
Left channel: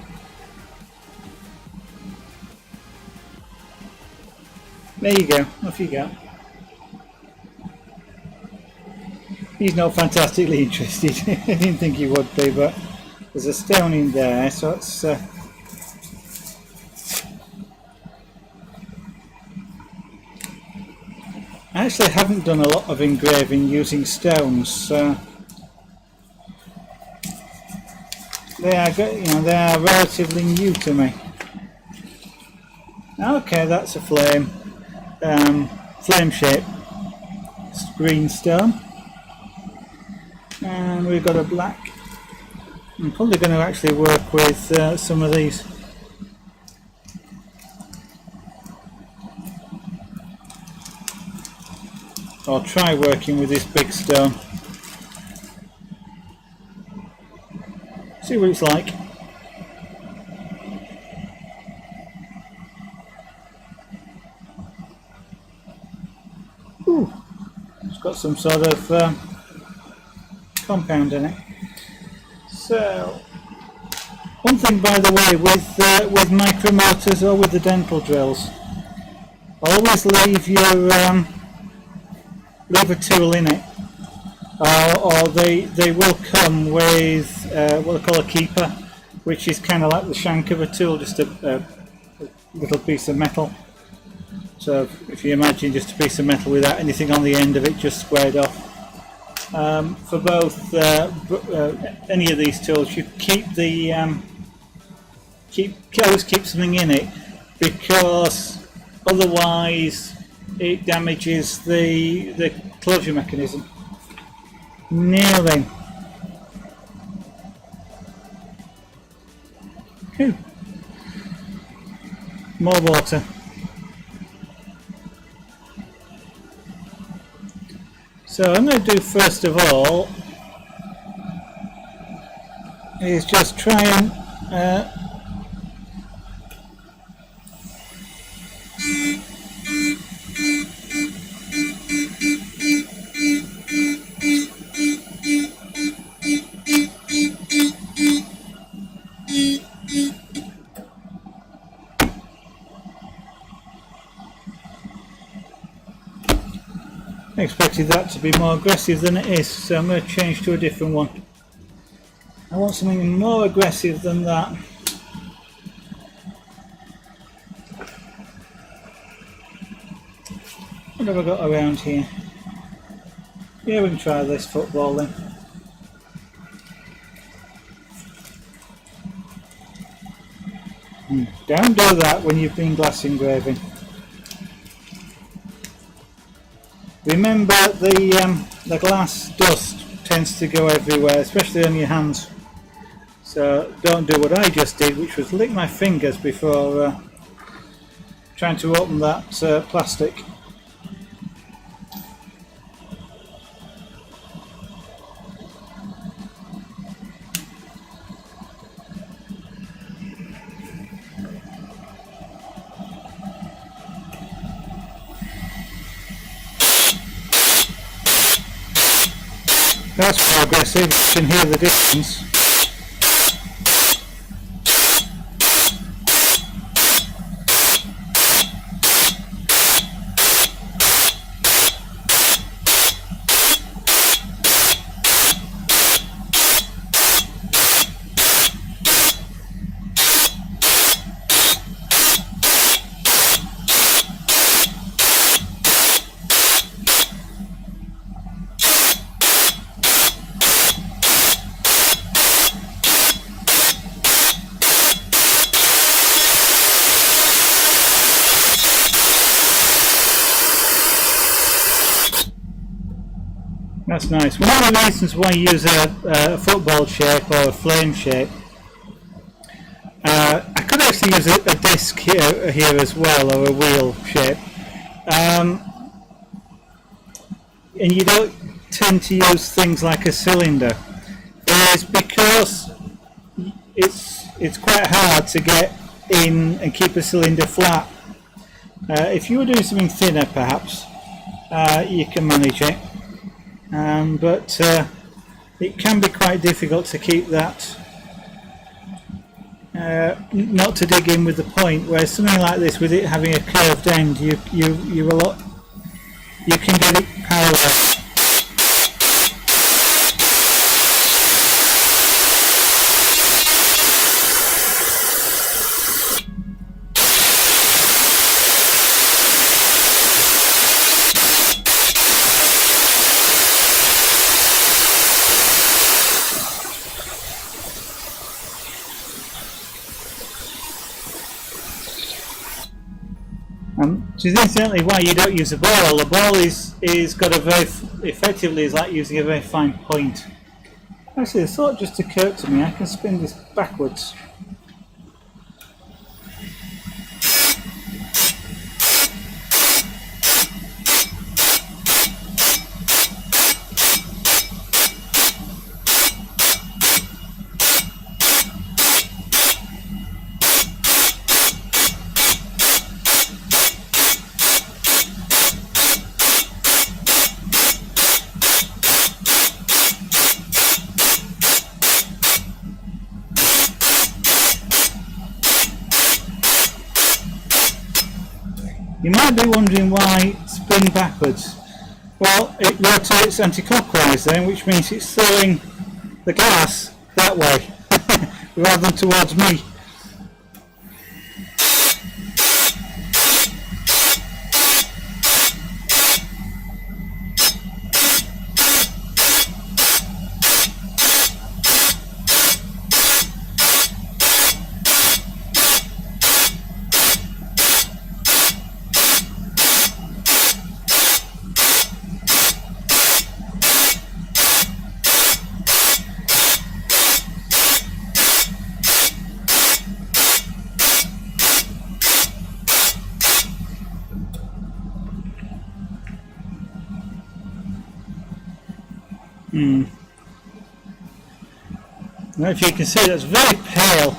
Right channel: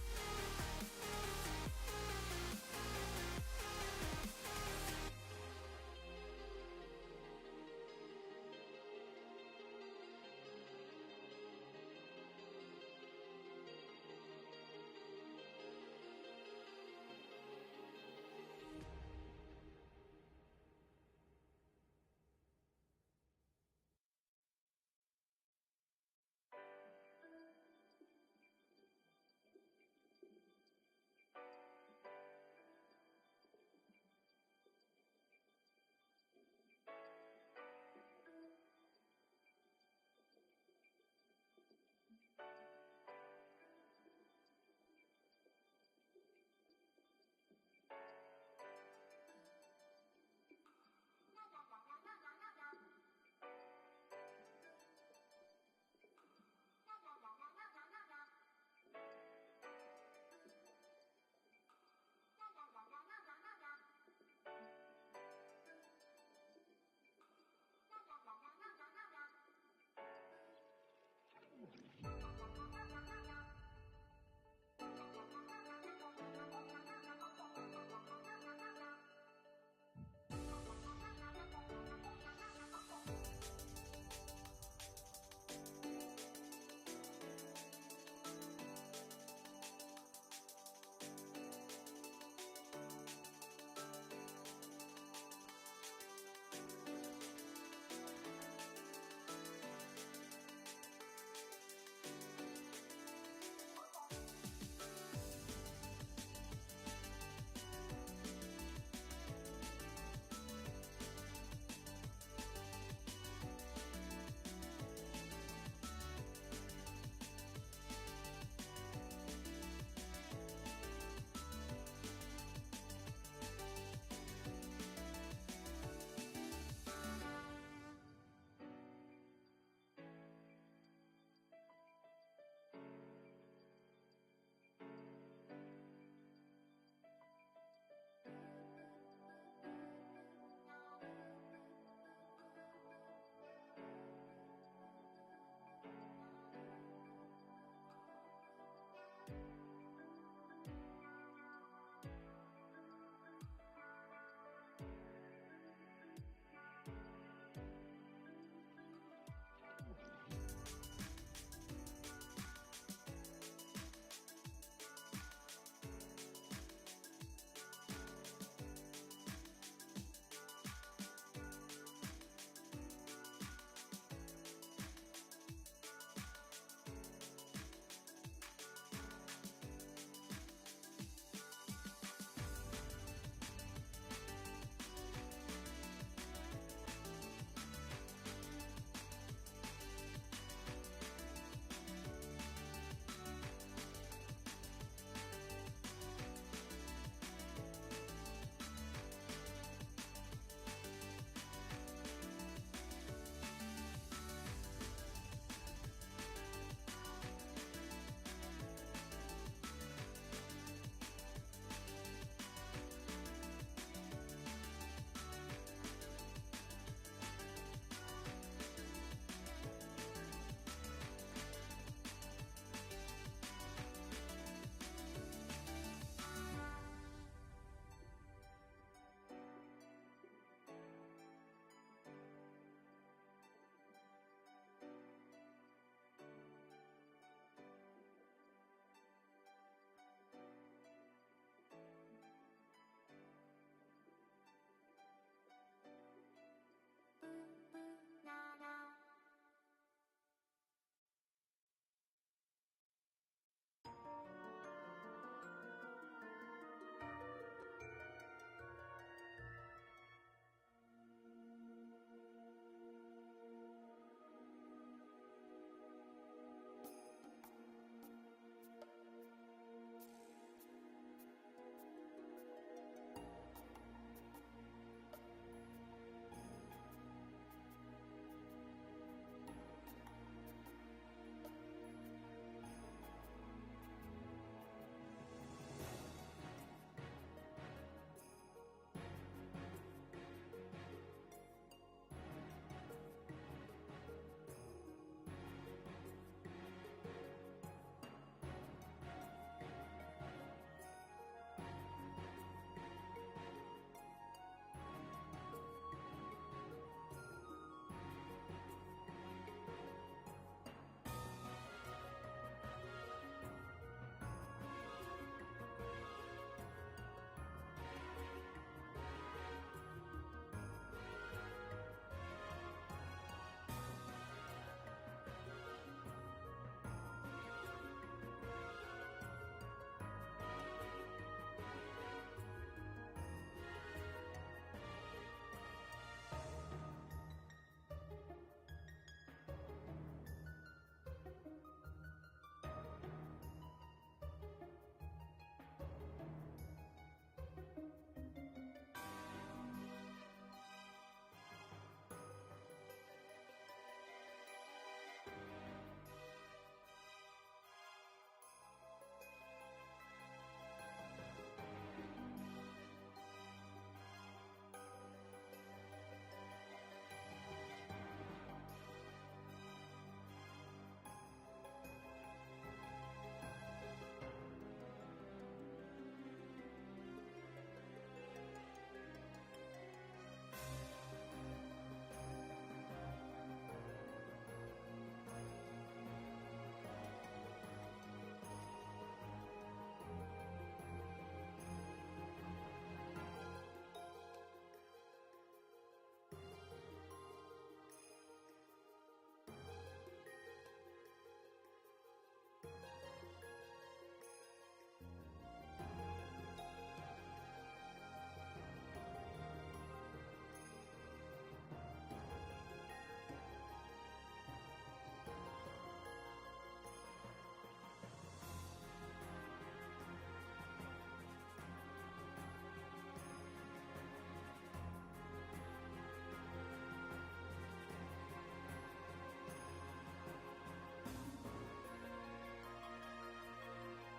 There you go, off you go. He's not fantastically interested. I didn't think he would be, but there's a stone in there, so it's I actually haven't done a lot of engraving using stones, so they are relatively new to me. Okay, that's a flame shape green stone, and we've got a black. I'm probably going to actually work with some of these. I'll try working with this big stone. See what it's like. Ooh, it's got some sort of compound in it. So, one thing by the way with micromotors or with the dental drills, always leave your leave a tool in it, or they will come with what they call a keeper, which is kind of like the shank of a tool, just a little piece of metal. So if you imagine just a piece of metal without anything on the end of it, just squared off. For both any of these tools, you always keep something in it, because otherwise it damages the closure mechanism. Now then, more water. So I'm going to do first of all is just try and I expected that to be more aggressive than it is, so I'm going to change to a different one. I want something more aggressive than that. What have I got around here? Yeah, we can try this football then. Don't do that when you've been glass engraving. Remember, the glass dust tends to go everywhere, especially on your hands. So don't do what I just did, which was lick my fingers before trying to open that plastic. That's more aggressive, you can hear the difference. That's nice. One of the reasons why you use a football shape or a flame shape, I could actually use a disc here as well, or a wheel shape, and you don't tend to use things like a cylinder. It's because it's quite hard to get in and keep a cylinder flat. If you were doing something thinner, perhaps you can manage it. But it can be quite difficult to keep that, not to dig in with the point, whereas something like this, with it having a curved end, you can get it parallel. Which is incidentally why you don't use a ball. The ball is got a very, effectively is like using a very fine point. Actually, the thought just occurred to me, I can spin this backwards. You might be wondering why spin backwards. Well, it rotates anti-clockwise then, which means it's throwing the glass that way rather than towards me. Now, if you can see, that's very pale.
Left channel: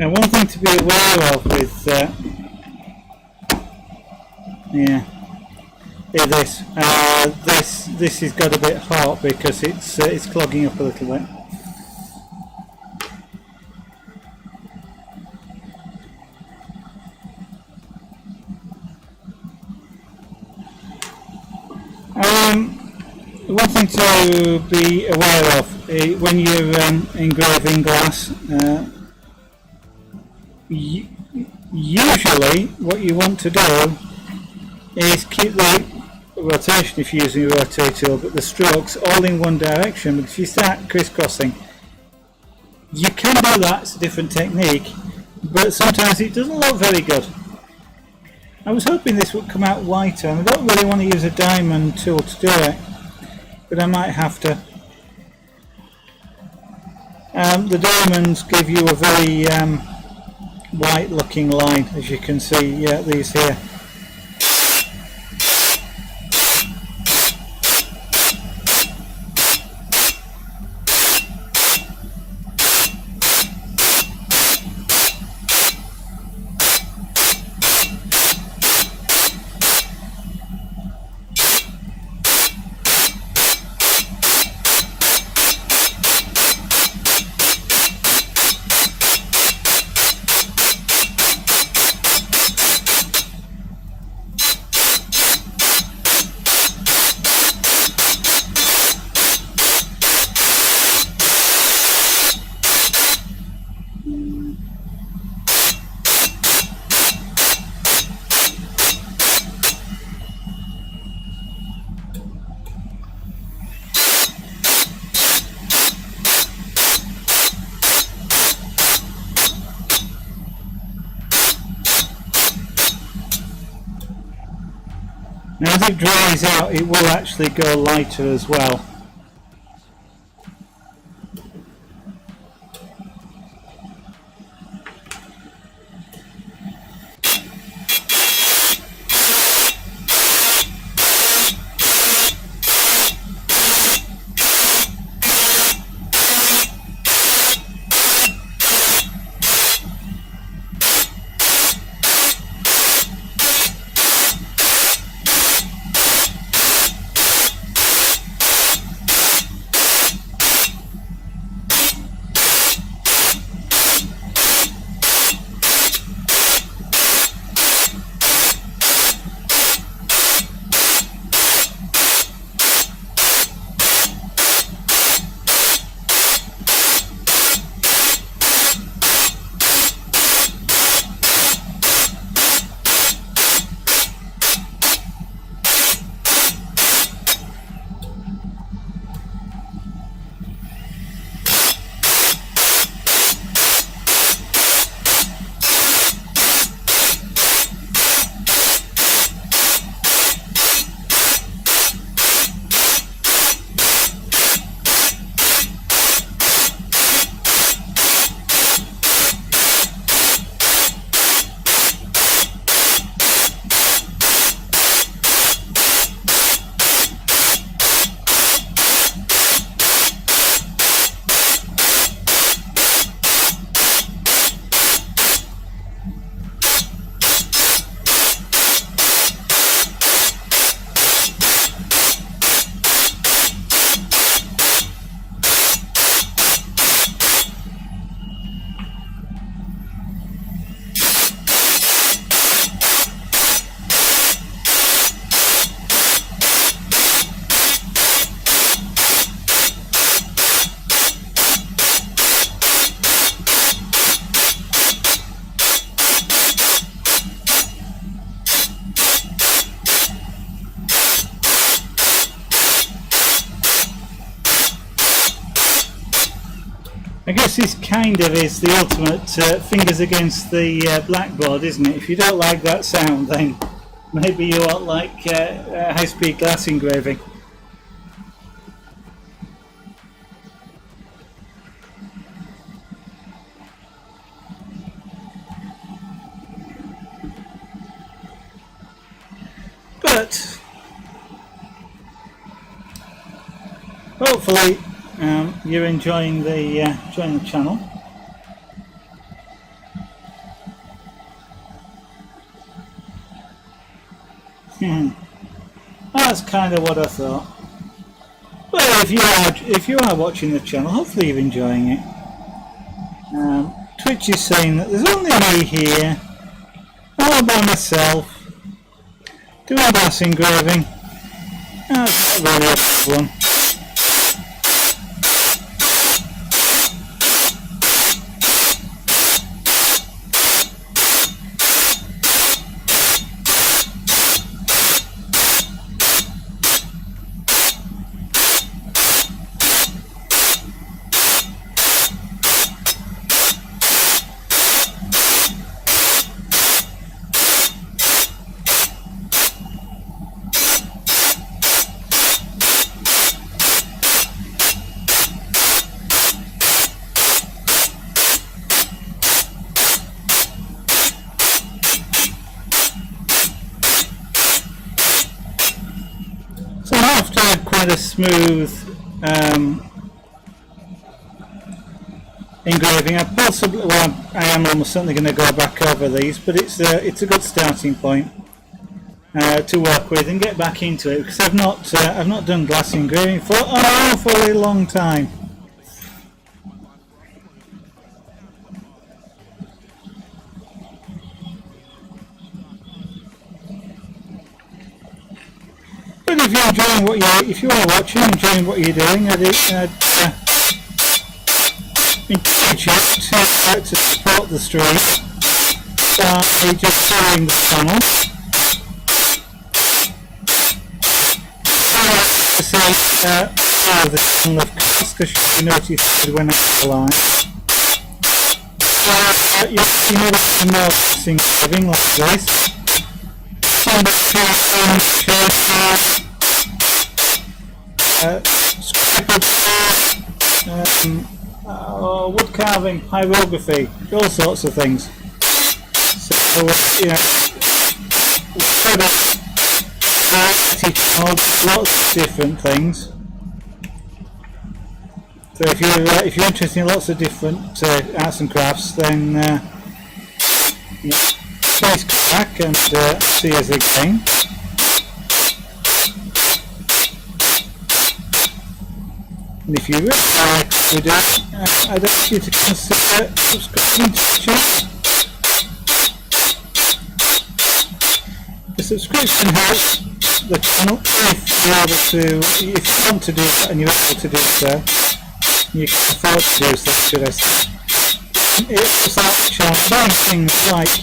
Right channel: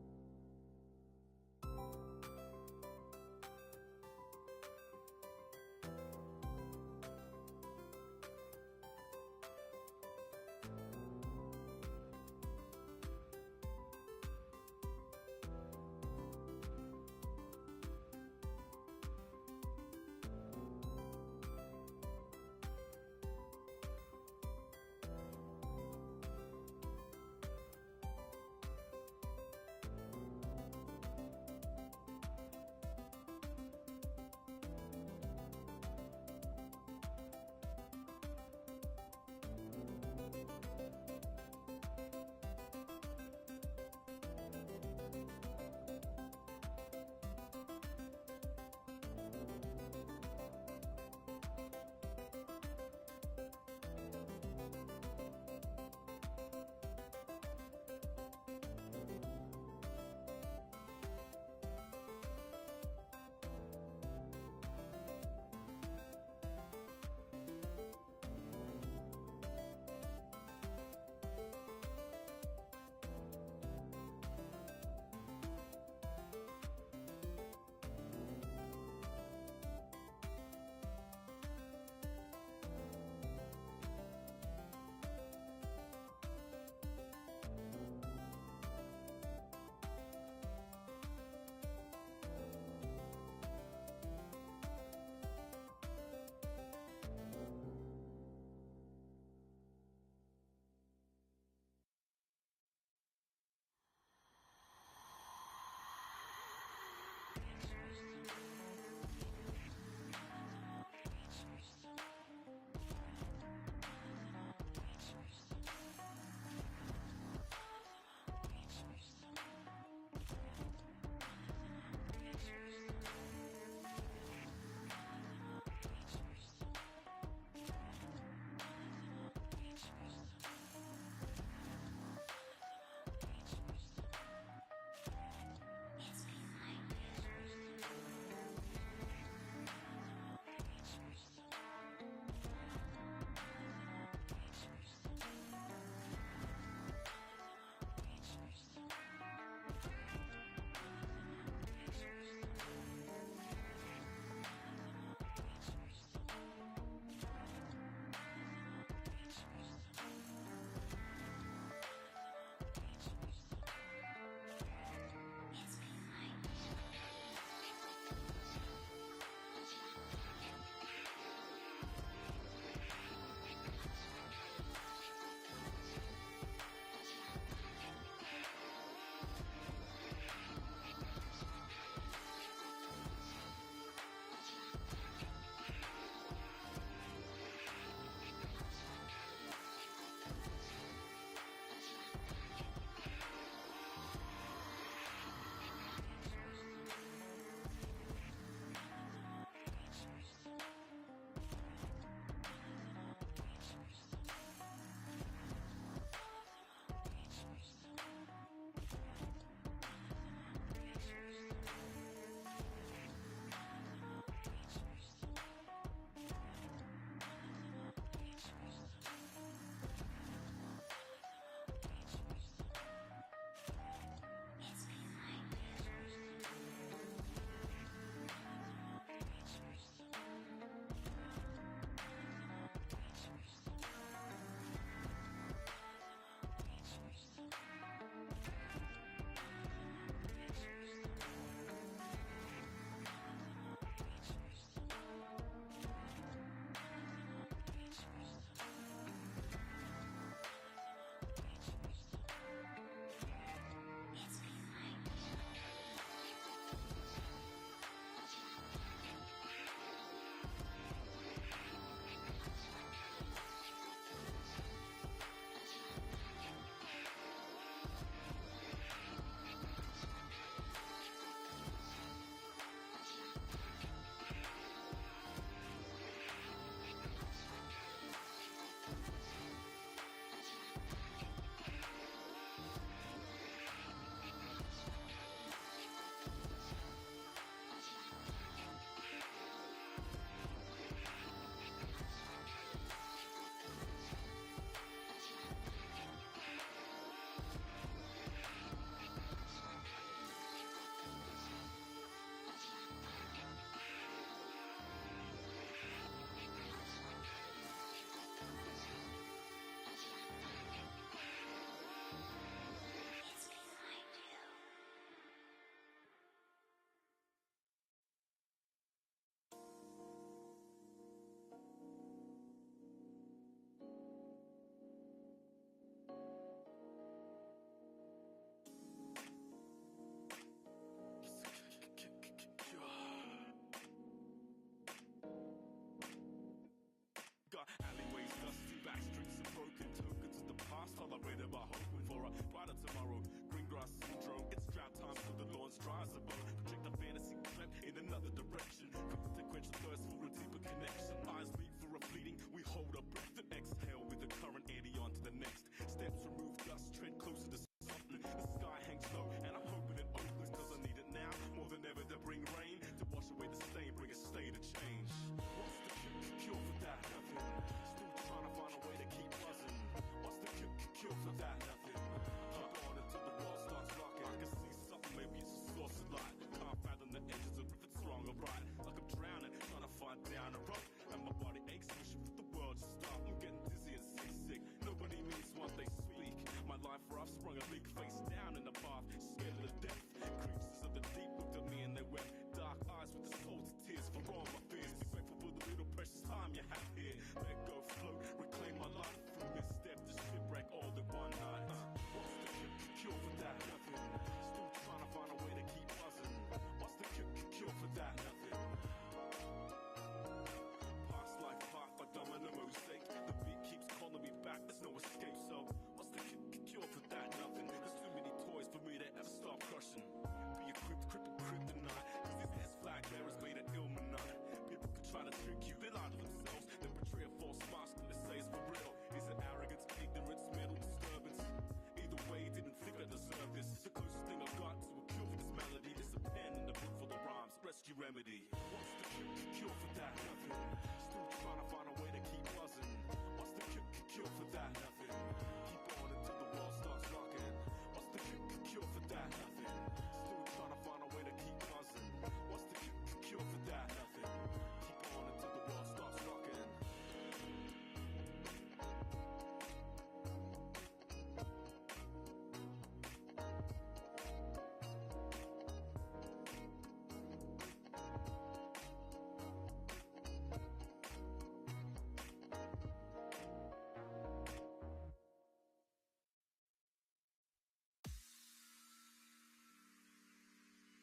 Now, one thing to be aware of with this has got a bit hot because it's clogging up a little bit. One thing to be aware of when you're engraving glass. Usually what you want to do is keep the rotation, if you're using a rotator tool, but the strokes all in one direction. But if you start crisscrossing, you can do that. It's a different technique, but sometimes it doesn't look very good. I was hoping this would come out whiter, and I don't really want to use a diamond tool to do it, but I might have to. The diamonds give you a very white looking line, as you can see, these here. Now as it dries out, it will actually go lighter as well. I guess this kind of is the ultimate fingers against the blackboard, isn't it? If you don't like that sound, then maybe you won't like high-speed glass engraving. But hopefully you're enjoying the channel. That's kind of what I thought. Well, if you are watching the channel, hopefully you're enjoying it. Twitch is saying that there's only me here, all by myself, doing glass engraving. That's not really a problem. Quite a smooth engraving. I am almost certainly going to go back over these, but it's a good starting point to work with and get back into it, because I've not done glass engraving for an awfully long time. But if you're enjoying if you are watching, enjoying what you're doing, I'd encourage you to support the stream by just following the channel. Follow the channel, of course, because you'll be notified when I'm live. You know some more engraving like this. Wood carving, hieroglyphy, all sorts of things. So, lots of different things. So if you're interested in lots of different arts and crafts, then please come back and see us again. And if you really like what we do, I'd ask you to consider subscribing to the channel. The subscription helps the channel if you want to do that and you're able to do so. You can afford to do so, should I say. It's like the channel, buying things like,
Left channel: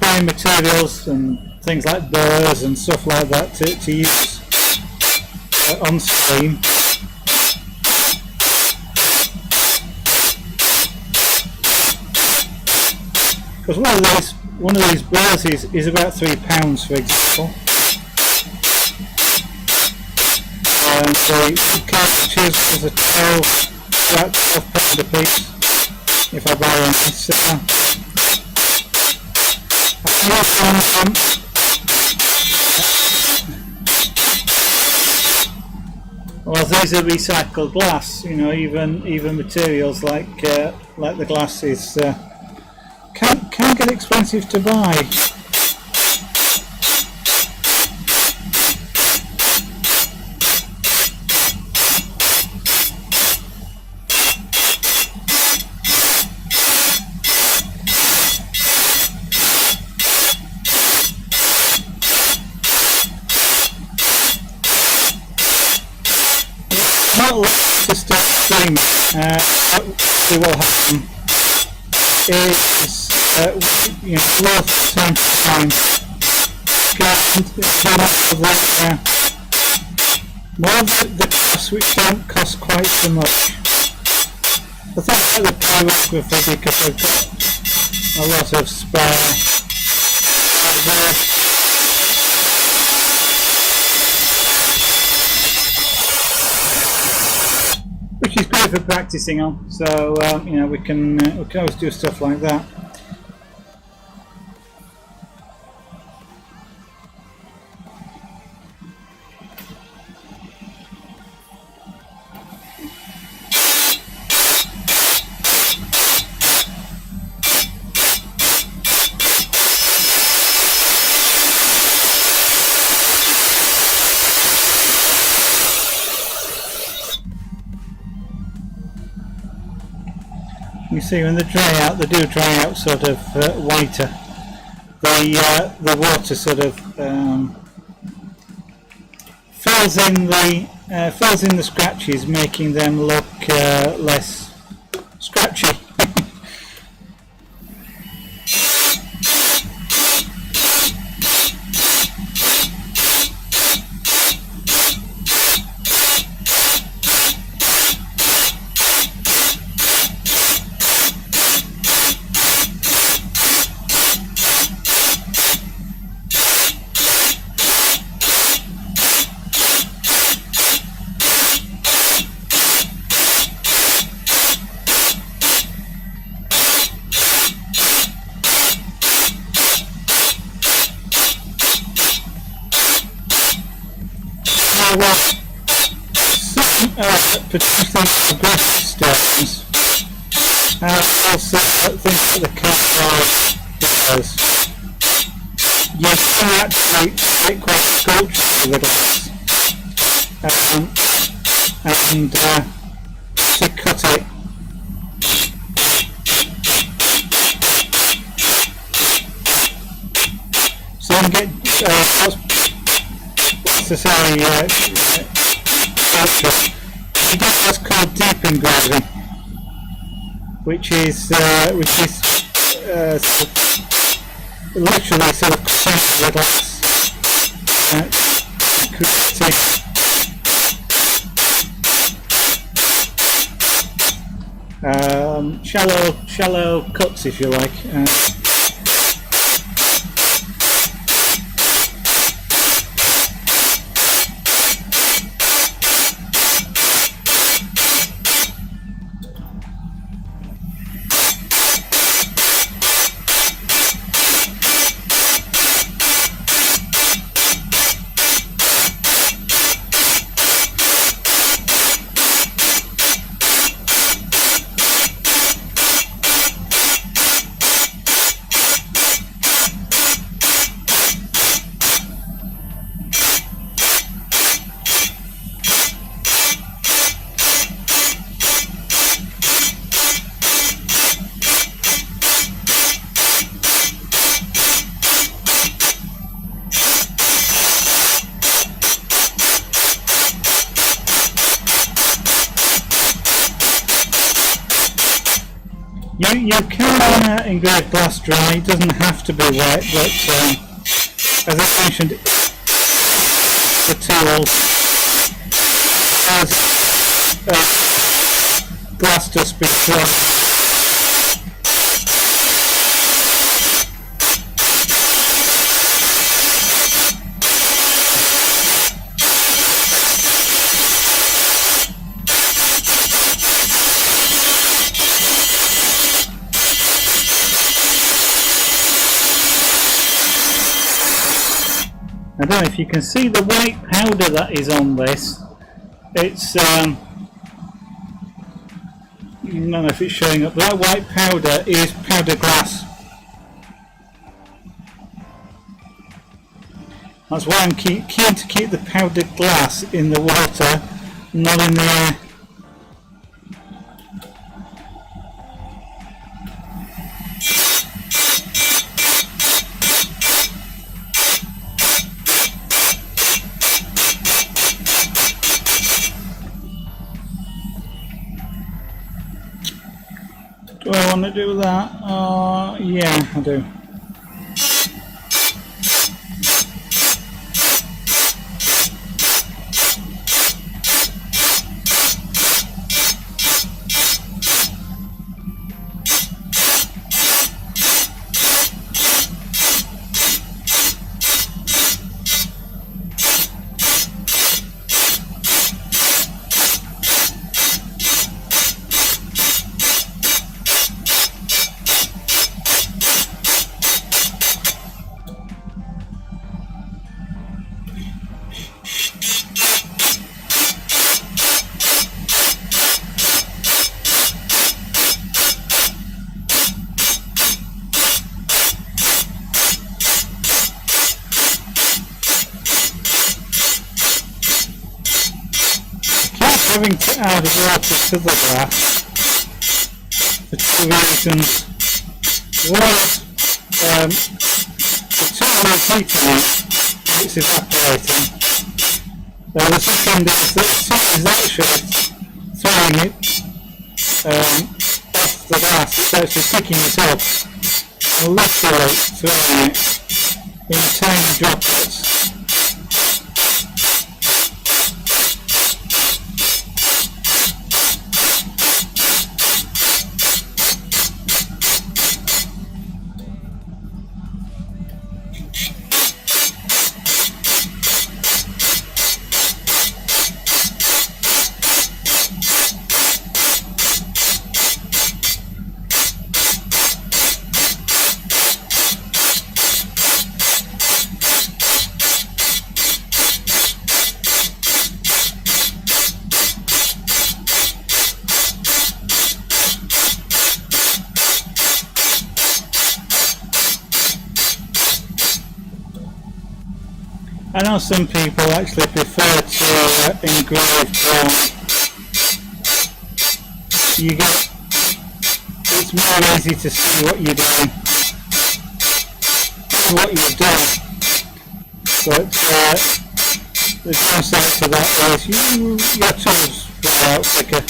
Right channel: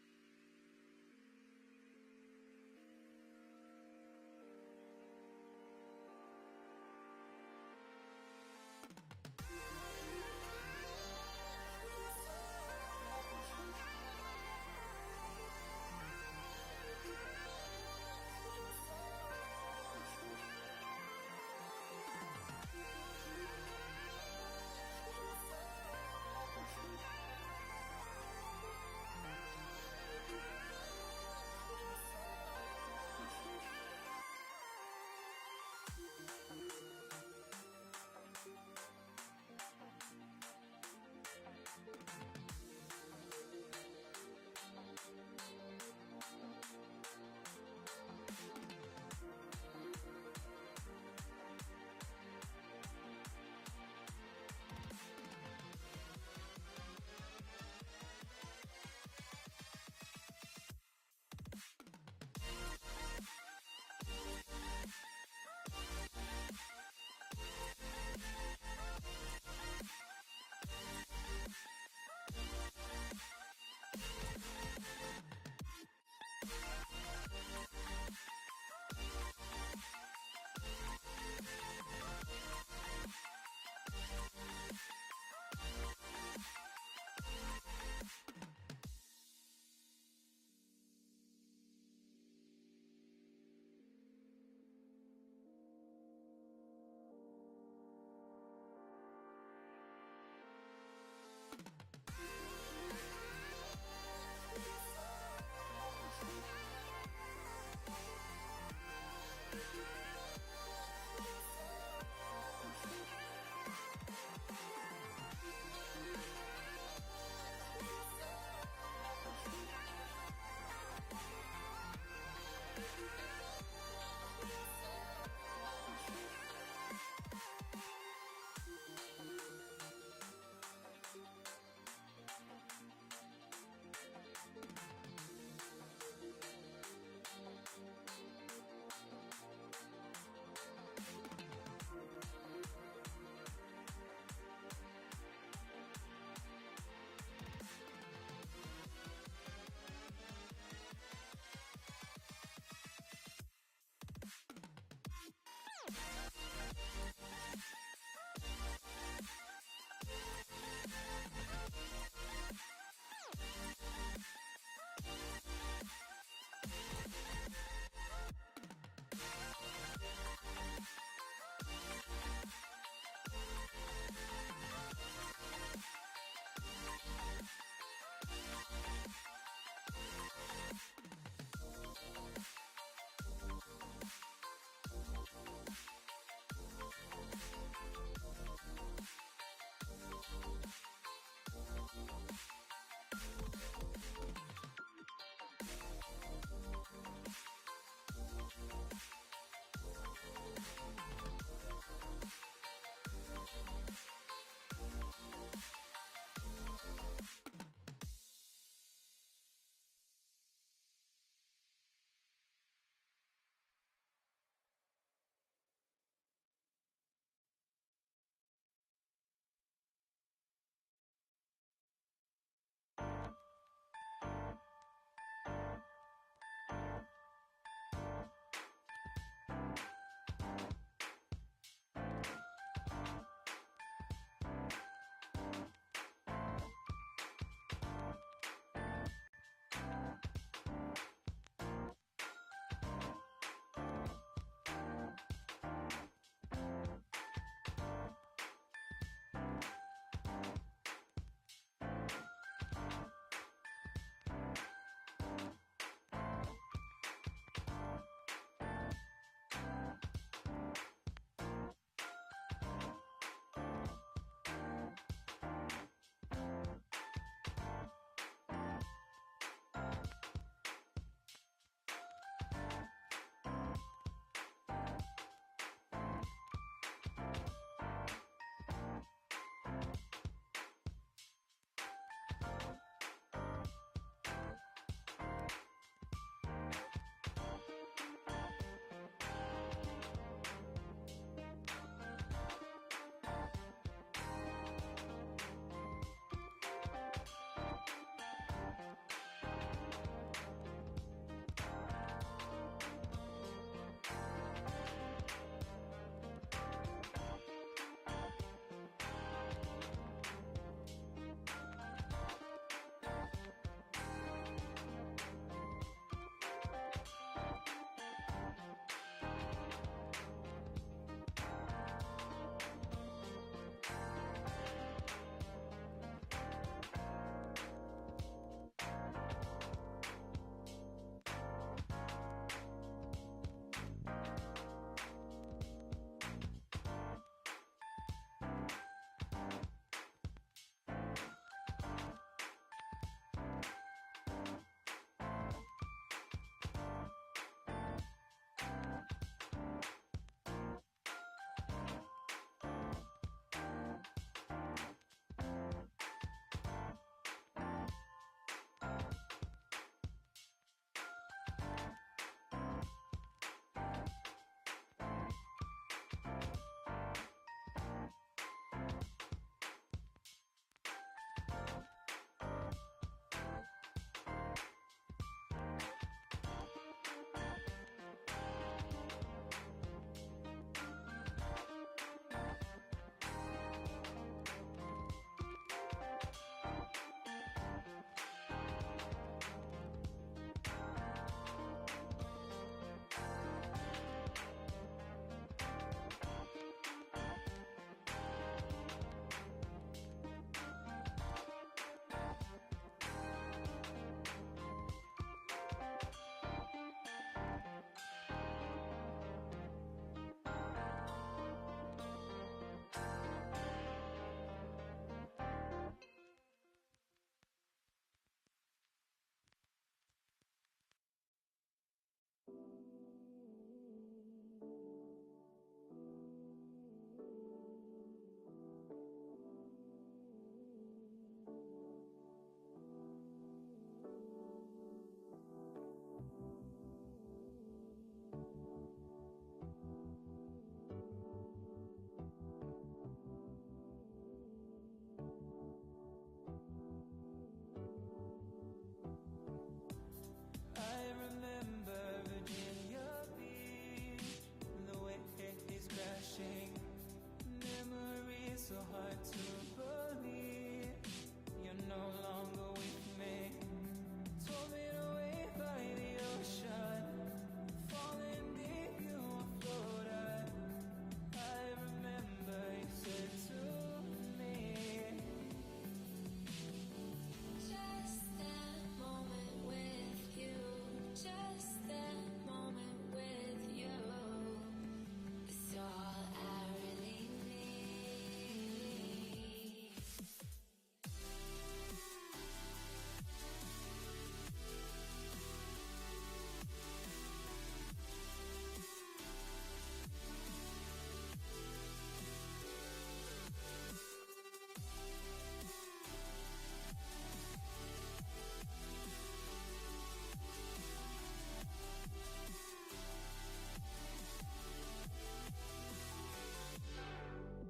buying materials and things like burrs and stuff like that to use on stream. Because one of these burrs is about £3, for example. And the cartridges is about £12 a piece if I buy one. Well, these are recycled glass. Even materials like the glass is can get expensive to buy. Not to start streaming. What will happen is lots of time more of the costs which don't cost quite so much. I think the pyrography because I've got a lot of spare there. Which is great for practicing on, so you know, we can always do stuff like that. You see, when they dry out, they do dry out sort of whiter. The water sort of fills in the scratches, making them look less scratchy. Particularly grass stones, also things like the cardboard because you can actually make quite sculpture with glass and to cut it. So you can get what's to say sculpture. That's called deep engraving, which is literally sort of cutting the glass, shallow cuts, if you like. You can engrave glass dry, it doesn't have to be wet, but as I mentioned, the tools has glass dust before. I don't know if you can see the white powder that is on this. It's I don't know if it's showing up, but that white powder is powder glass. That's why I'm keen to keep the powdered glass in the water, not in the air. Do I want to do that? Yeah, I do. having to add water to the glass for two reasons. One is the too much heat in it, it's evaporating. The second is that it is actually throwing it off the glass, it's actually picking it up and literally throwing it in tiny droplets. I know some people actually prefer to engrave bone. It's more easy to see what you're doing, what you've done. But the downside to that is your tools fall out quicker.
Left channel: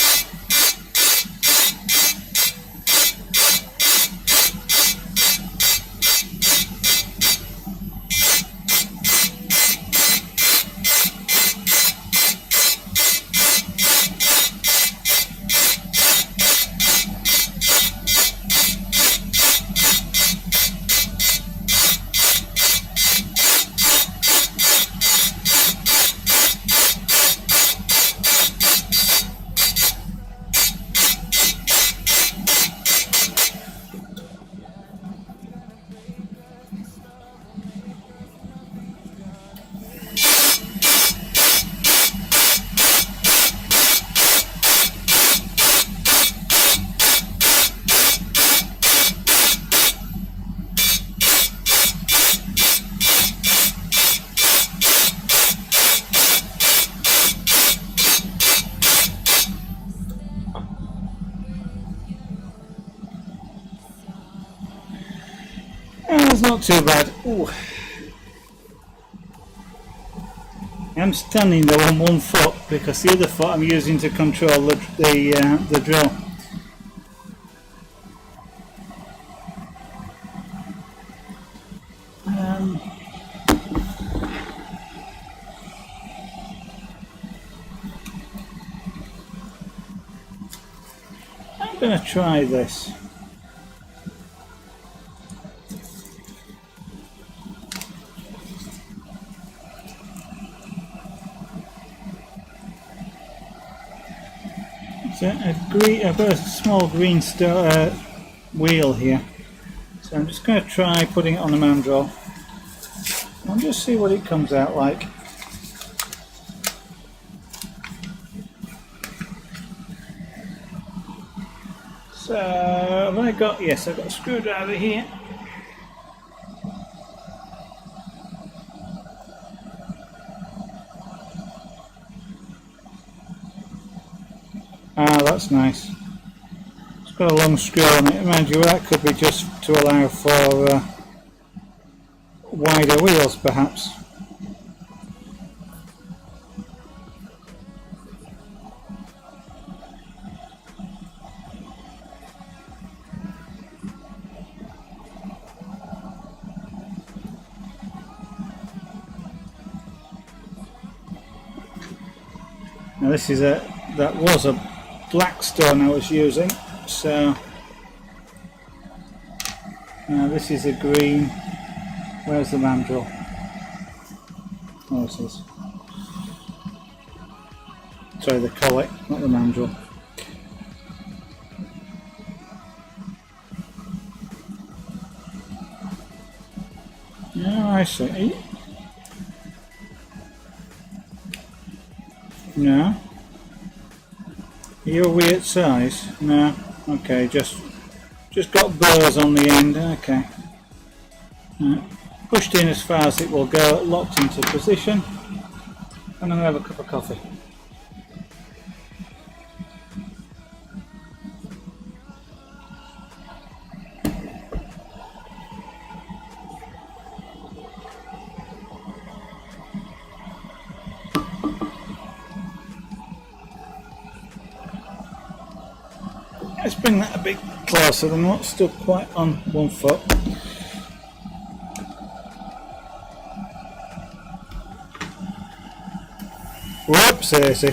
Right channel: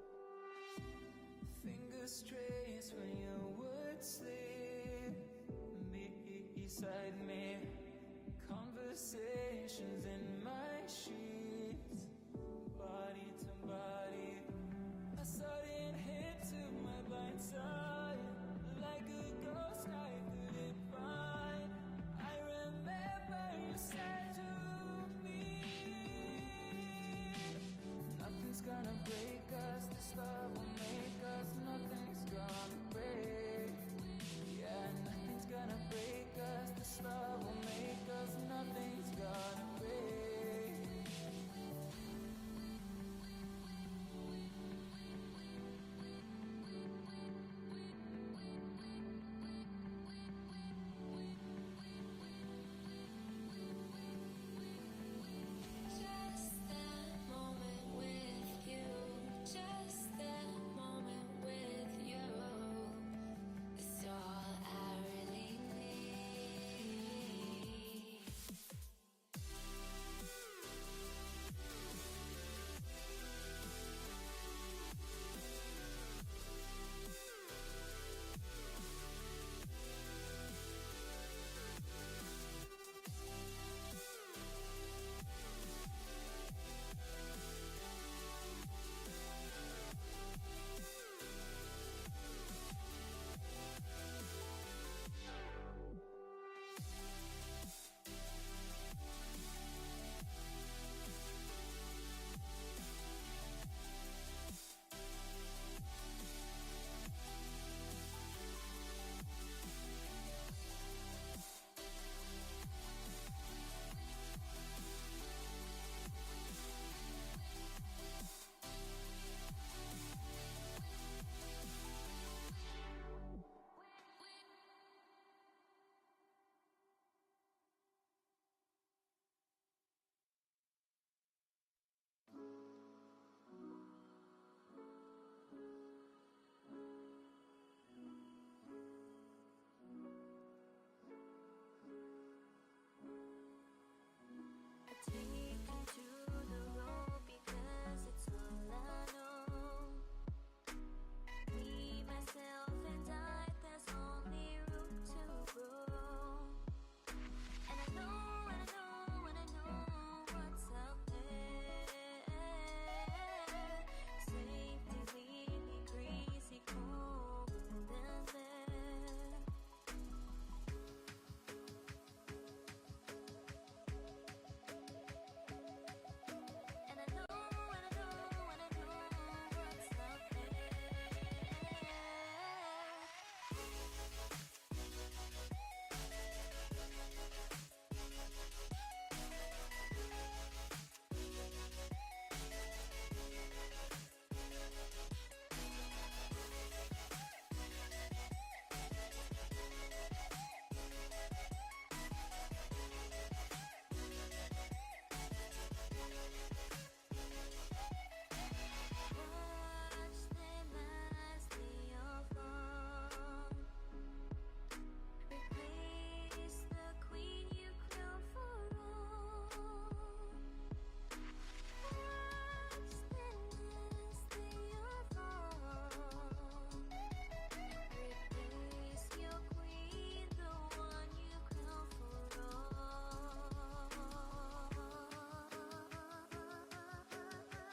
It's not too bad. Ooh. I'm standing though on one foot because the other foot I'm using to control the drill. I'm going to try this. So I've got a small green wheel here, so I'm just going to try putting it on the mandrel and just see what it comes out like. So have I got, yes, I've got a screwdriver here. Ah, that's nice. It's got a long screw on it. Mind you, that could be just to allow for wider wheels, perhaps. Now this is that was a black stone I was using, so now this is a green. Where's the mandrel? Oh, it is. Sorry, the collet, not the mandrel. Oh, I see. No. Are you a weird size? No. Okay, just got burrs on the end. Okay. Right. Pushed in as far as it will go, locked into position, and I'm going to have a cup of coffee. Let's bring that a bit closer. They're not stuck quite on one foot. Whoops, Daisy.